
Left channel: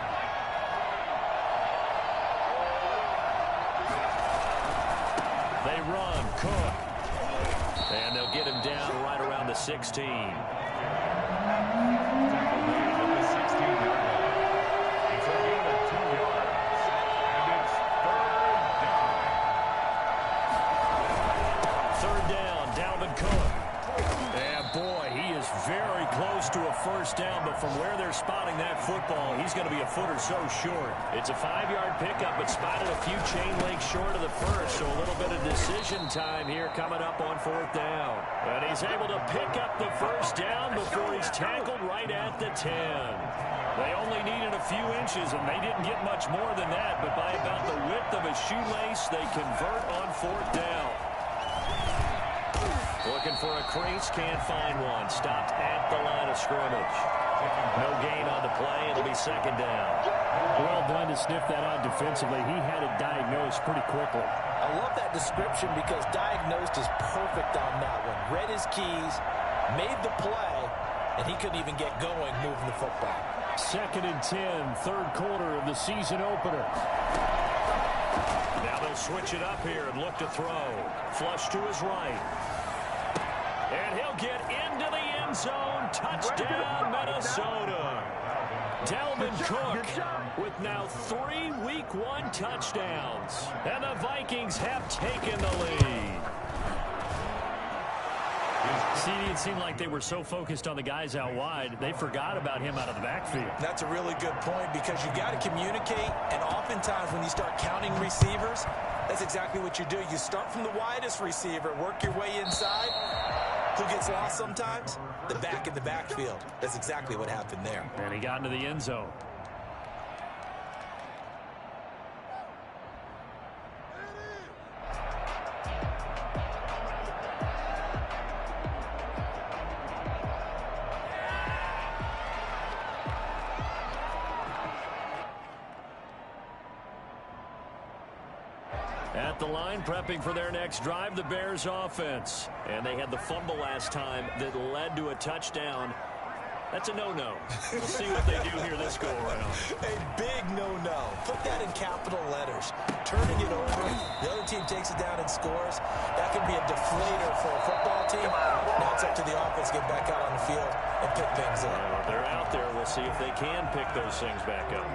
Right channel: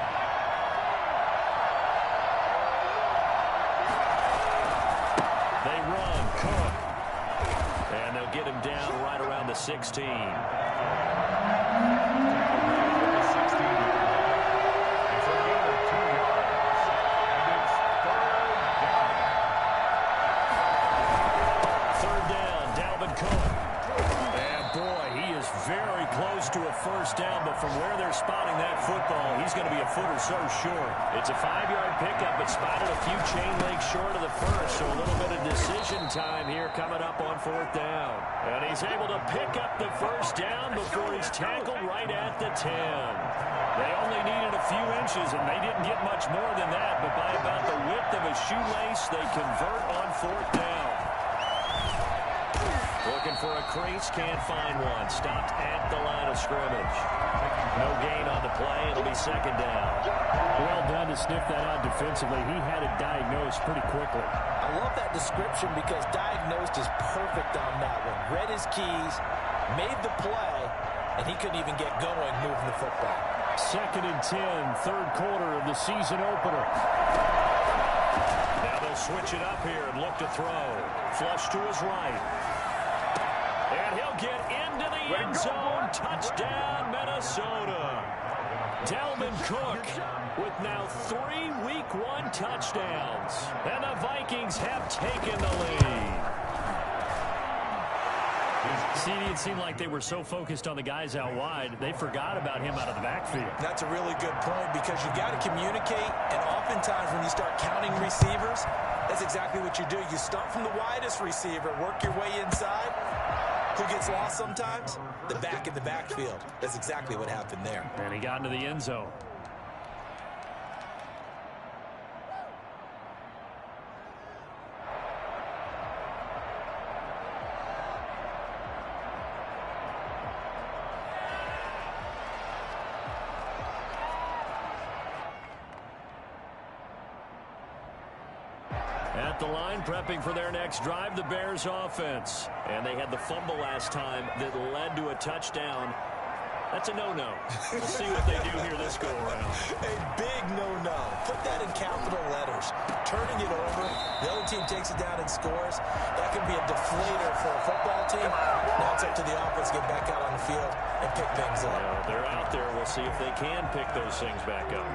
They run. Cook. And they'll get him down right around the 16. Tackle made at the 16-yard line. It's a gain of 2 yards. And it's 3rd down. 3rd down, Dalvin Cook. And boy, he is very close to a 1st down, but from where they're spotting that football, he's going to be a foot or so short. It's a 5-yard pickup, but spotted a few chain links short of the 1st, so a little bit of decision time here coming up on 4th down. And he's able to pick up the 1st down before he's tackled right at the 10. They only needed a few inches, and they didn't get much more than that, but by about the width of a shoelace, they convert on 4th down. Looking for a crease, can't find one. Stopped at the line of scrimmage. No gain on the play. It'll be 2nd down. Well done to sniff that out defensively. He had it diagnosed pretty quickly. I love that description because diagnosed is perfect on that one. Read his keys, made the play, and he couldn't even get going moving the football. 2nd and 10, 3rd quarter of the season opener. Now they'll switch it up here and look to throw. Flush to his right. And he'll get into the end zone. Touchdown, Minnesota. Dalvin Cook with now 3 Week 1 touchdowns. And the Vikings have taken the lead. See, it seemed like they were so focused on the guys out wide, they forgot about him out of the backfield. That's a really good point because you've got to communicate, and oftentimes when you start counting receivers, that's exactly what you do. You start from the widest receiver, work your way inside. Who gets lost sometimes? The back in the backfield. That's exactly what happened there. And he got into the end zone. At the line, prepping for their next drive, the Bears offense. And they had the fumble last time that led to a touchdown. That's a no-no. We'll see what they do here this go-around. A big no-no. Put that in capital letters. Turning it over, the other team takes it down and scores. That can be a deflator for a football team. Now it's up to the offense to get back out on the field and pick things up. Well, they're out there. We'll see if they can pick those things back up.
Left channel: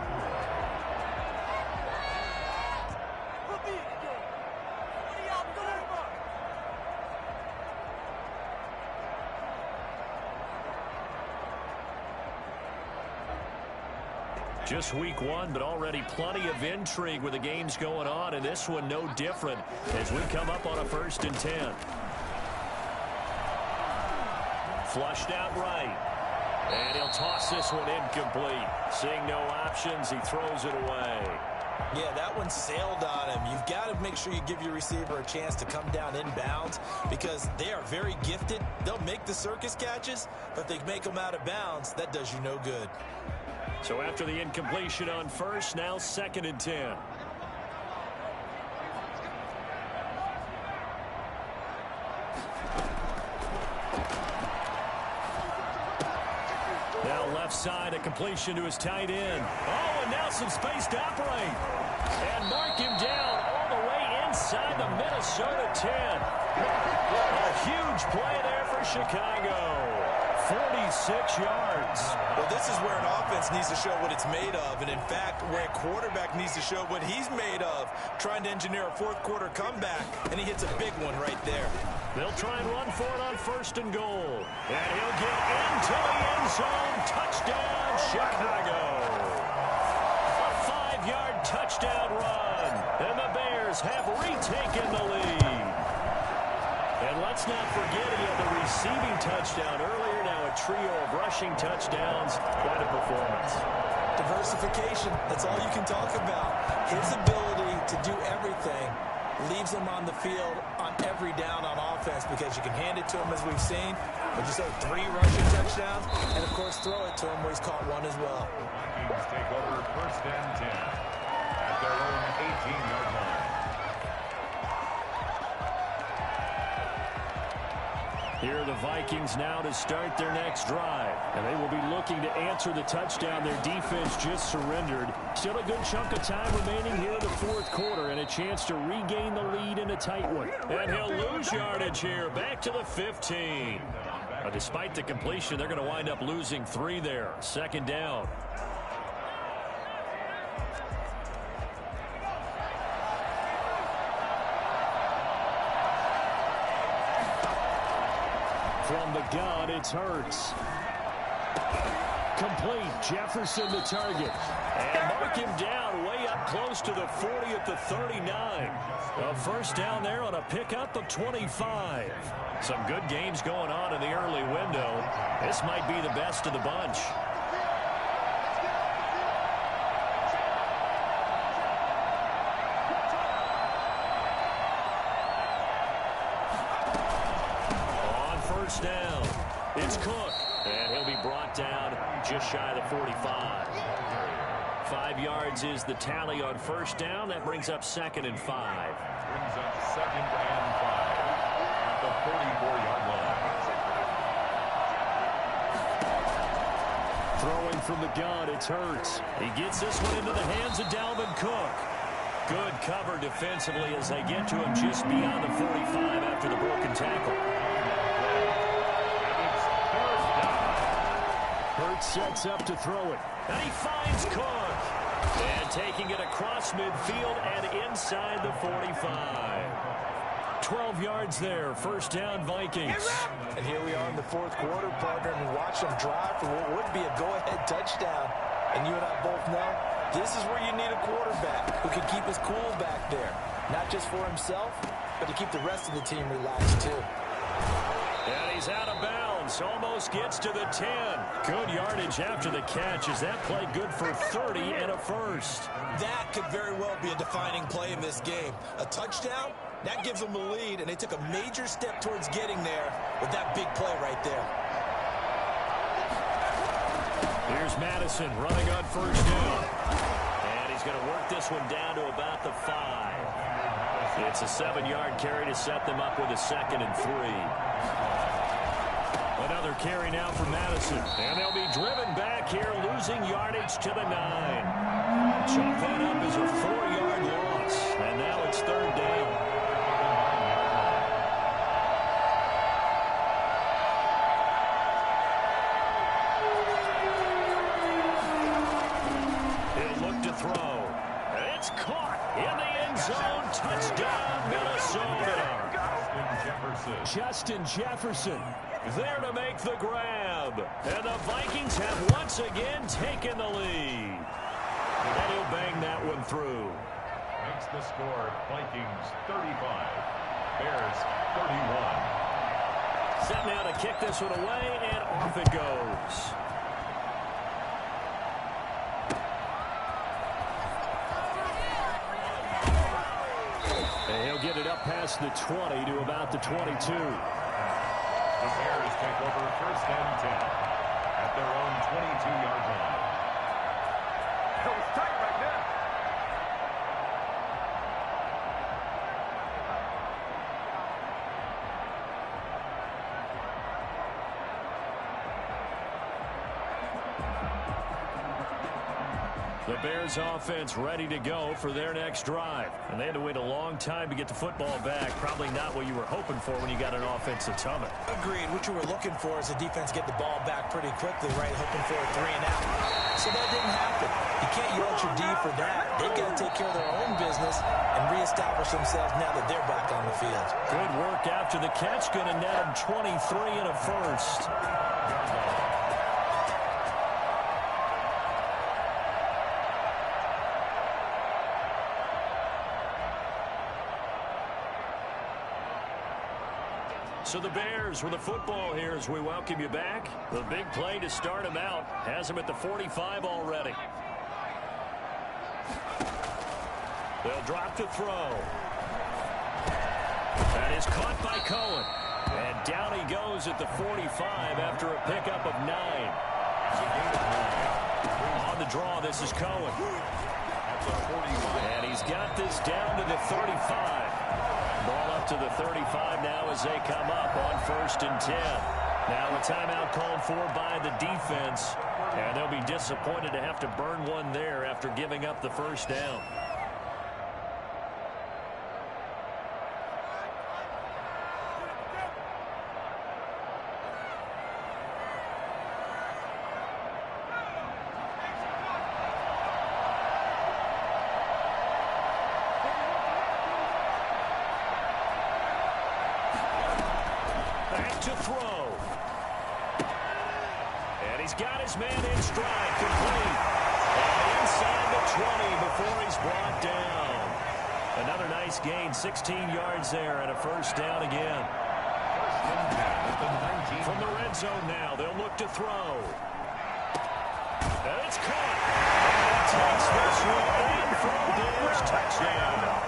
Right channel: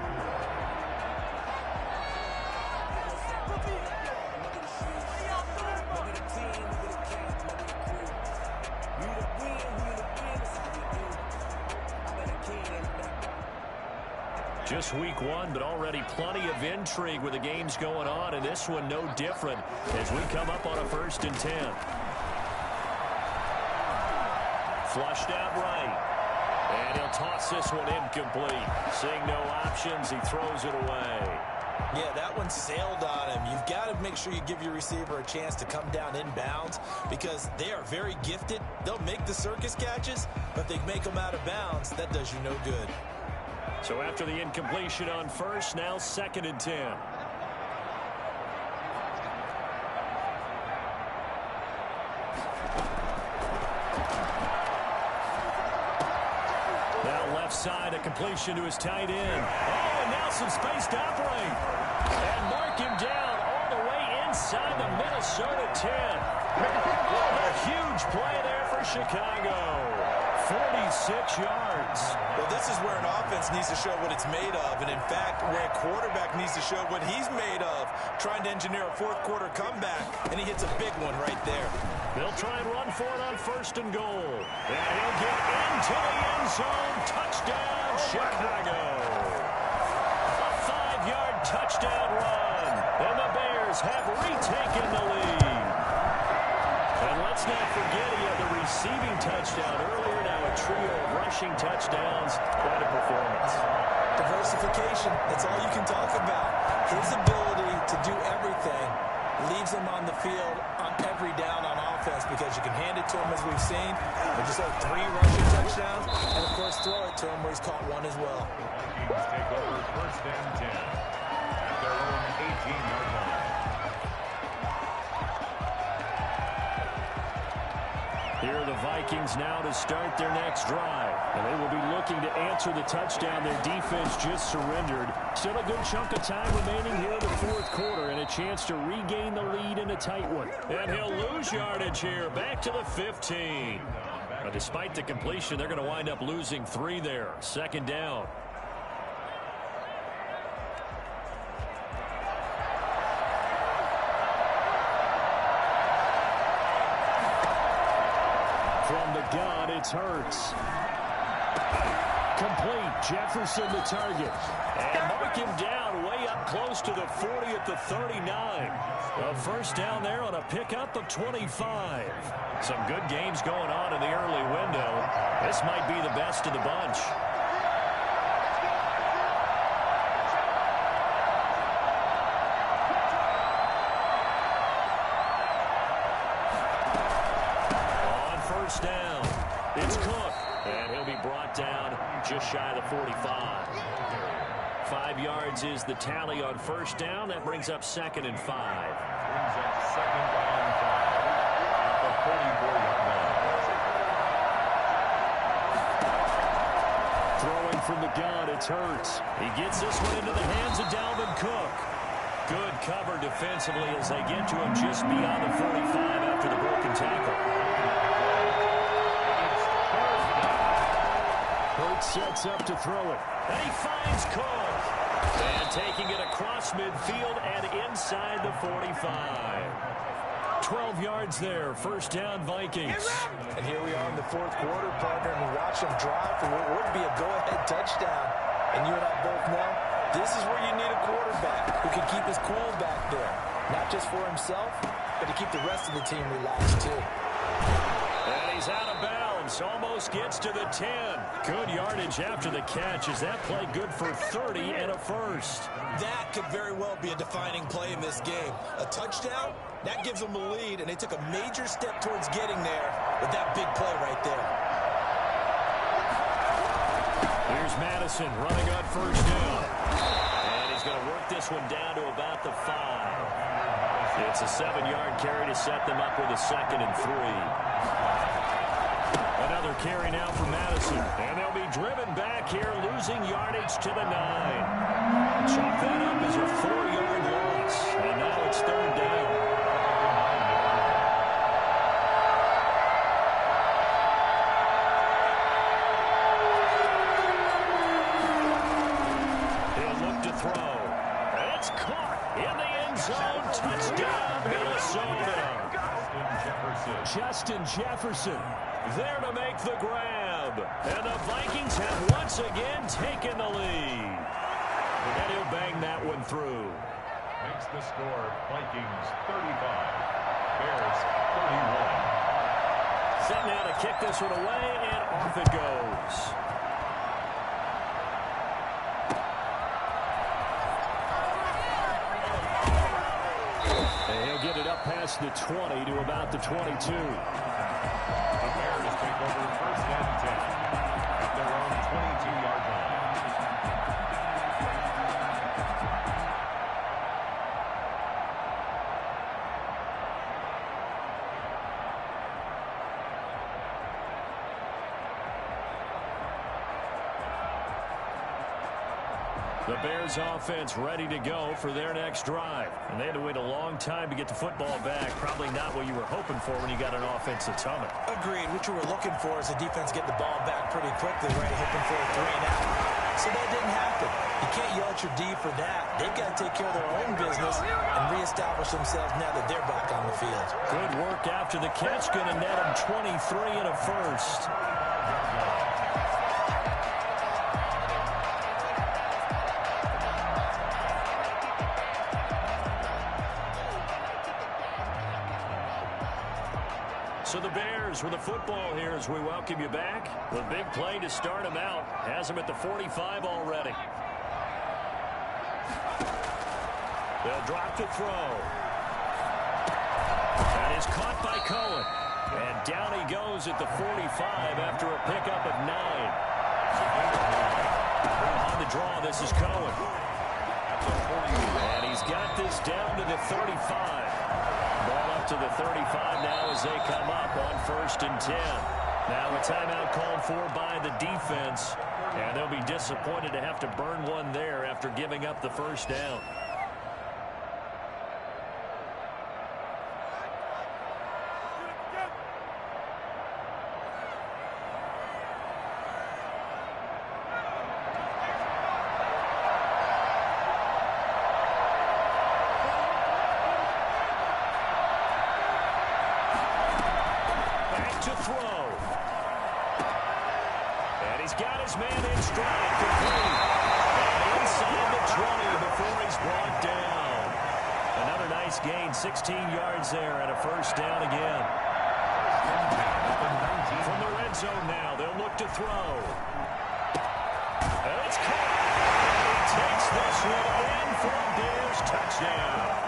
Just week 1, but already plenty of intrigue with the games going on, and this one no different as we come up on a 1st and 10. Flushed out right. And he'll toss this one incomplete. Seeing no options, he throws it away. Yeah, that one sailed on him. You've got to make sure you give your receiver a chance to come down inbounds because they are very gifted. They'll make the circus catches, but if they make them out of bounds, that does you no good. So after the incompletion on 1st, now 2nd and 10. Now left side, a completion to his tight end. Oh, and now some space to operate. And mark him down all the way inside the Minnesota 10. A huge play there for Chicago. 46 yards. Well, this is where an offense needs to show what it's made of, and in fact, where a quarterback needs to show what he's made of, trying to engineer a 4th quarter comeback, and he hits a big one right there. They'll try and run for it on 1st and goal. And he'll get into the end zone. Touchdown, Chicago. A 5-yard touchdown run, and the Bears have retaken the lead. And let's not forget he had the receiving touchdown earlier. Now a trio of rushing touchdowns. Quite a performance. Diversification, that's all you can talk about. His ability to do everything leaves him on the field on every down on offense because you can hand it to him as we've seen. But you say 3 rushing touchdowns and, of course, throw it to him where he's caught one as well. The Vikings take over 1st and 10 at their own 18-yard line. Here are the Vikings now to start their next drive. And they will be looking to answer the touchdown their defense just surrendered. Still a good chunk of time remaining here in the 4th quarter and a chance to regain the lead in a tight one. And he'll lose yardage here back to the 15. But despite the completion, they're going to wind up losing 3 there. 2nd down. From the gun, it's Hurts. Complete. Jefferson the target. And mark him down way up close to the 40 at the 39. A 1st down there on a pickup of 25. Some good games going on in the early window. This might be the best of the bunch. first down. It's Cook, and he'll be brought down just shy of the 45. 5 yards is the tally on first down. That brings up 2nd and 5. Brings up 2nd and 5 at the 44-yard line. Throwing from the gun, it's Hurts. He gets this one into the hands of Dalvin Cook. Good cover defensively as they get to him just beyond the 45 after the broken tackle. And it's 3rd down. Hurts sets up to throw it. And he finds Cook. And taking it across midfield and inside the 45. 12 yards there. First down, Vikings. And here we are in the 4th quarter, partner, and watch them drive for what would be a go-ahead touchdown. And you and I both know this is where you need a quarterback who can keep his cool back there. Not just for himself, but to keep the rest of the team relaxed too. And he's out of bounds. Almost gets to the 10. Good yardage after the catch. Is that play good for 30 and a first? That could very well be a defining play in this game. A touchdown, that gives them a lead, and they took a major step towards getting there with that big play right there. Here's Madison running on first down. And he's going to work this one down to about the 5. It's a 7-yard carry to set them up with a 2nd and 3. Another carry now for Madison. And they'll be driven back here, losing yardage to the 9. Chalk that up as a 4-yard loss. And now it's 3rd down. Throw. It's caught in the end zone. Touchdown, Minnesota. Justin Jefferson there to make the grab. And the Vikings have once again taken the lead. And he'll bang that one through. Makes the score Vikings 35, Bears 31. Set now to kick this one away, and off it goes. And he'll get it up past the 20 to about the 22. The Bears take over 1st and 10 at their own 22-yard line. The Bears offense ready to go for their next drive. And they had to wait a long time to get the football back. Probably not what you were hoping for when you got an offensive tunnel. Agreed. What you were looking for is the defense get the ball back pretty quickly, right? Hoping for a 3 and out. So that didn't happen. You can't yell at your D for that. They've got to take care of their own business and reestablish themselves now that they're back on the field. Good work after the catch. Going to net them 23 and a first. So the Bears with the football here as we welcome you back. The big play to start them out has them at the 45 already. They'll drop to throw. That is caught by Cohen. And down he goes at the 45 after a pickup of 9. On the draw, this is Cohen. And he's got this down to the 35. Ball up to the 35 now as they come up on 1st and 10. Now a timeout called for by the defense. And they'll be disappointed to have to burn one there after giving up the first down. To throw. And he's got his man in stride, complete. And inside the 20 before he's brought down. Another nice gain, 16 yards there and a first down again. From the red zone now, they'll look to throw. And it's caught. And he takes this one in for a Bears touchdown.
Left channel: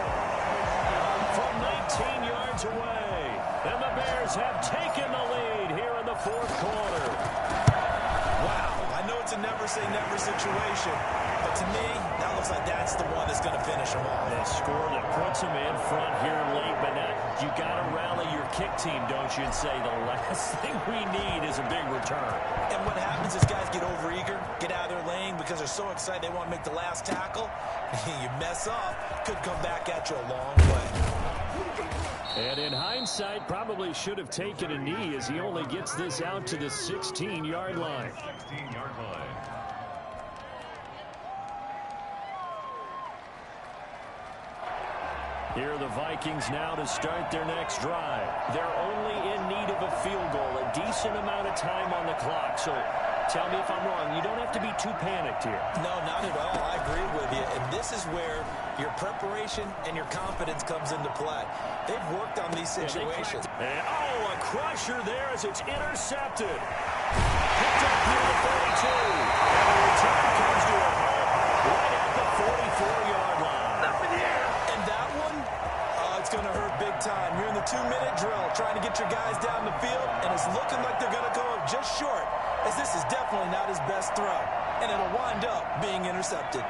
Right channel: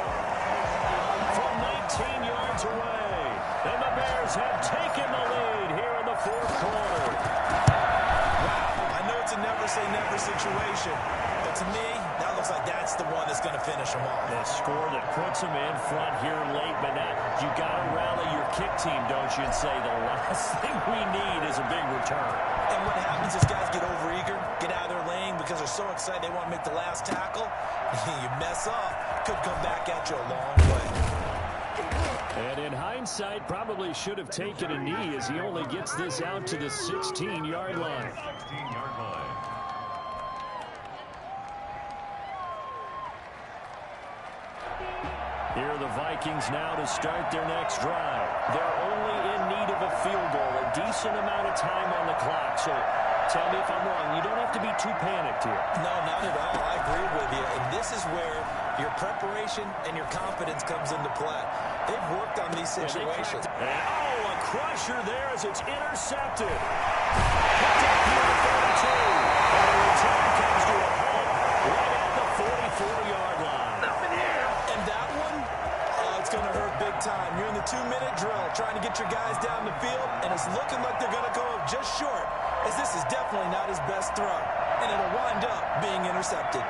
from 19 yards away. And the Bears have taken the lead here in the fourth quarter. Wow, I know it's a never-say-never situation, but to me, that looks like that's the one that's going to finish them off. The score that puts them in front here late, but now you got to rally your kick team, don't you, and say the last thing we need is a big return. And what happens is guys get overeager, get out of their lane because they're so excited they want to make the last tackle. You mess up, could come back at you a long way. And in hindsight, probably should have taken a knee as he only gets this out to the 16-yard line. 16-yard line. Here are the Vikings now to start their next drive. They're only in need of a field goal, a decent amount of time on the clock. So tell me if I'm wrong. You don't have to be too panicked here. No, not at all. I agree with you. And this is where your preparation and your confidence comes into play. They've worked on these situations. And, oh, a crusher there as it's intercepted. Picked up near the 42. And the return comes to a halt right at the 44-yard line. Nothing here. And that one, it's going to hurt big time. You're in the 2-minute drill trying to get your guys down the field, and it's looking like they're going to go up just short, as this is definitely not his best throw, and it'll wind up being intercepted.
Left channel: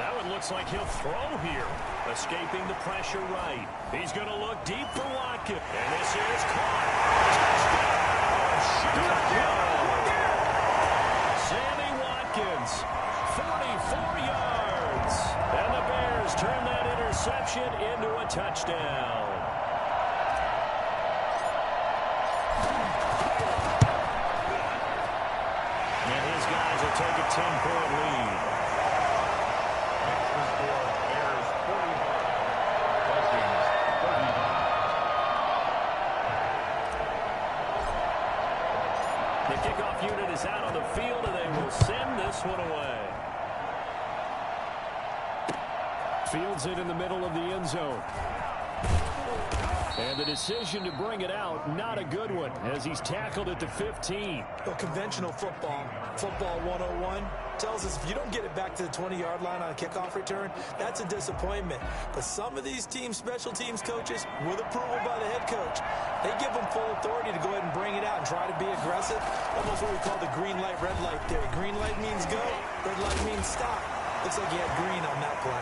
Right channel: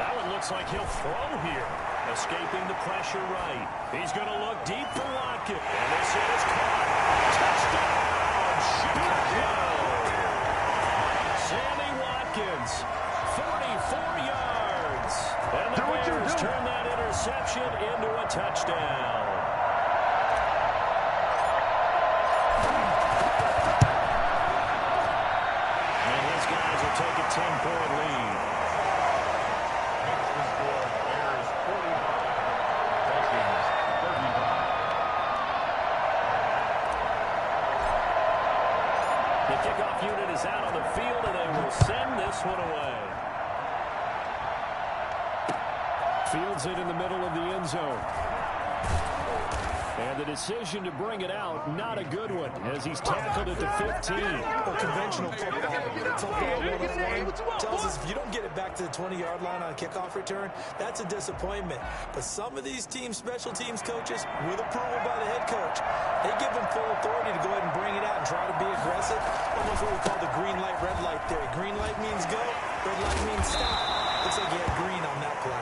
That one looks like he'll throw here. Escaping the pressure right. He's going to look deep for Watkins. And this is caught. Touchdown, Chicago. Sammy Watkins, 44 yards. And the Bears turn that interception into a touchdown. And his guys will take a 10-point lead. Makes the score Bears 45, Vikings 35. The kickoff unit is out on the field, and they will send this one away. Fields it in the middle of the end zone. And the decision to bring it out, not a good one, as he's tackled at the 15. Well, conventional football 101, tells us if you don't get it back to the 20-yard line on a kickoff return, that's a disappointment. But some of these teams, special teams coaches, with approval by the head coach, they give them full authority to go ahead and bring it out and try to be aggressive. Almost what we call the green light, red light theory. Green light means go, red light means stop. Looks like he had green on that play.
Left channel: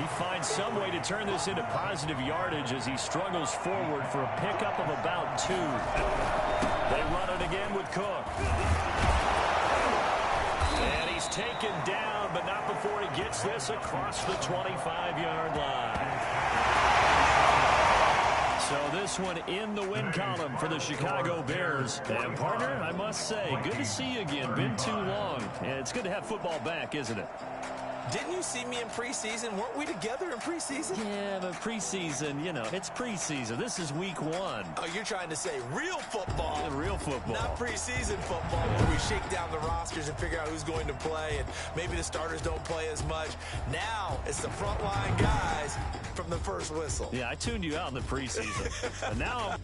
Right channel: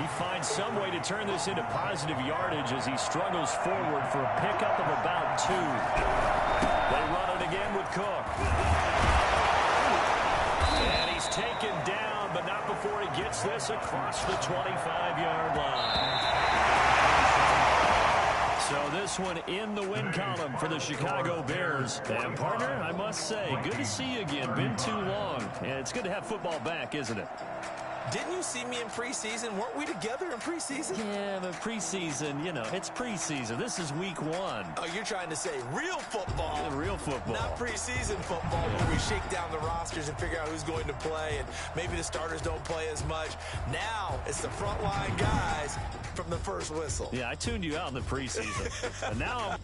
He finds some way to turn this into positive yardage as he struggles forward for a pickup of about 2. They run it again with Cook. And he's taken down, but not before he gets this across the 25-yard line. So this one in the win column for the Chicago Bears. And partner, I must say, good to see you again. Been too long. And it's good to have football back, isn't it? Didn't you see me in preseason? Weren't we together in preseason? Yeah, but preseason, you know, it's preseason. This is week 1. Oh, you're trying to say real football. Yeah, real football. Not preseason football where we shake down the rosters and figure out who's going to play, and maybe the starters don't play as much. Now it's the frontline guys from the first whistle. Yeah, I tuned you out in the preseason. And now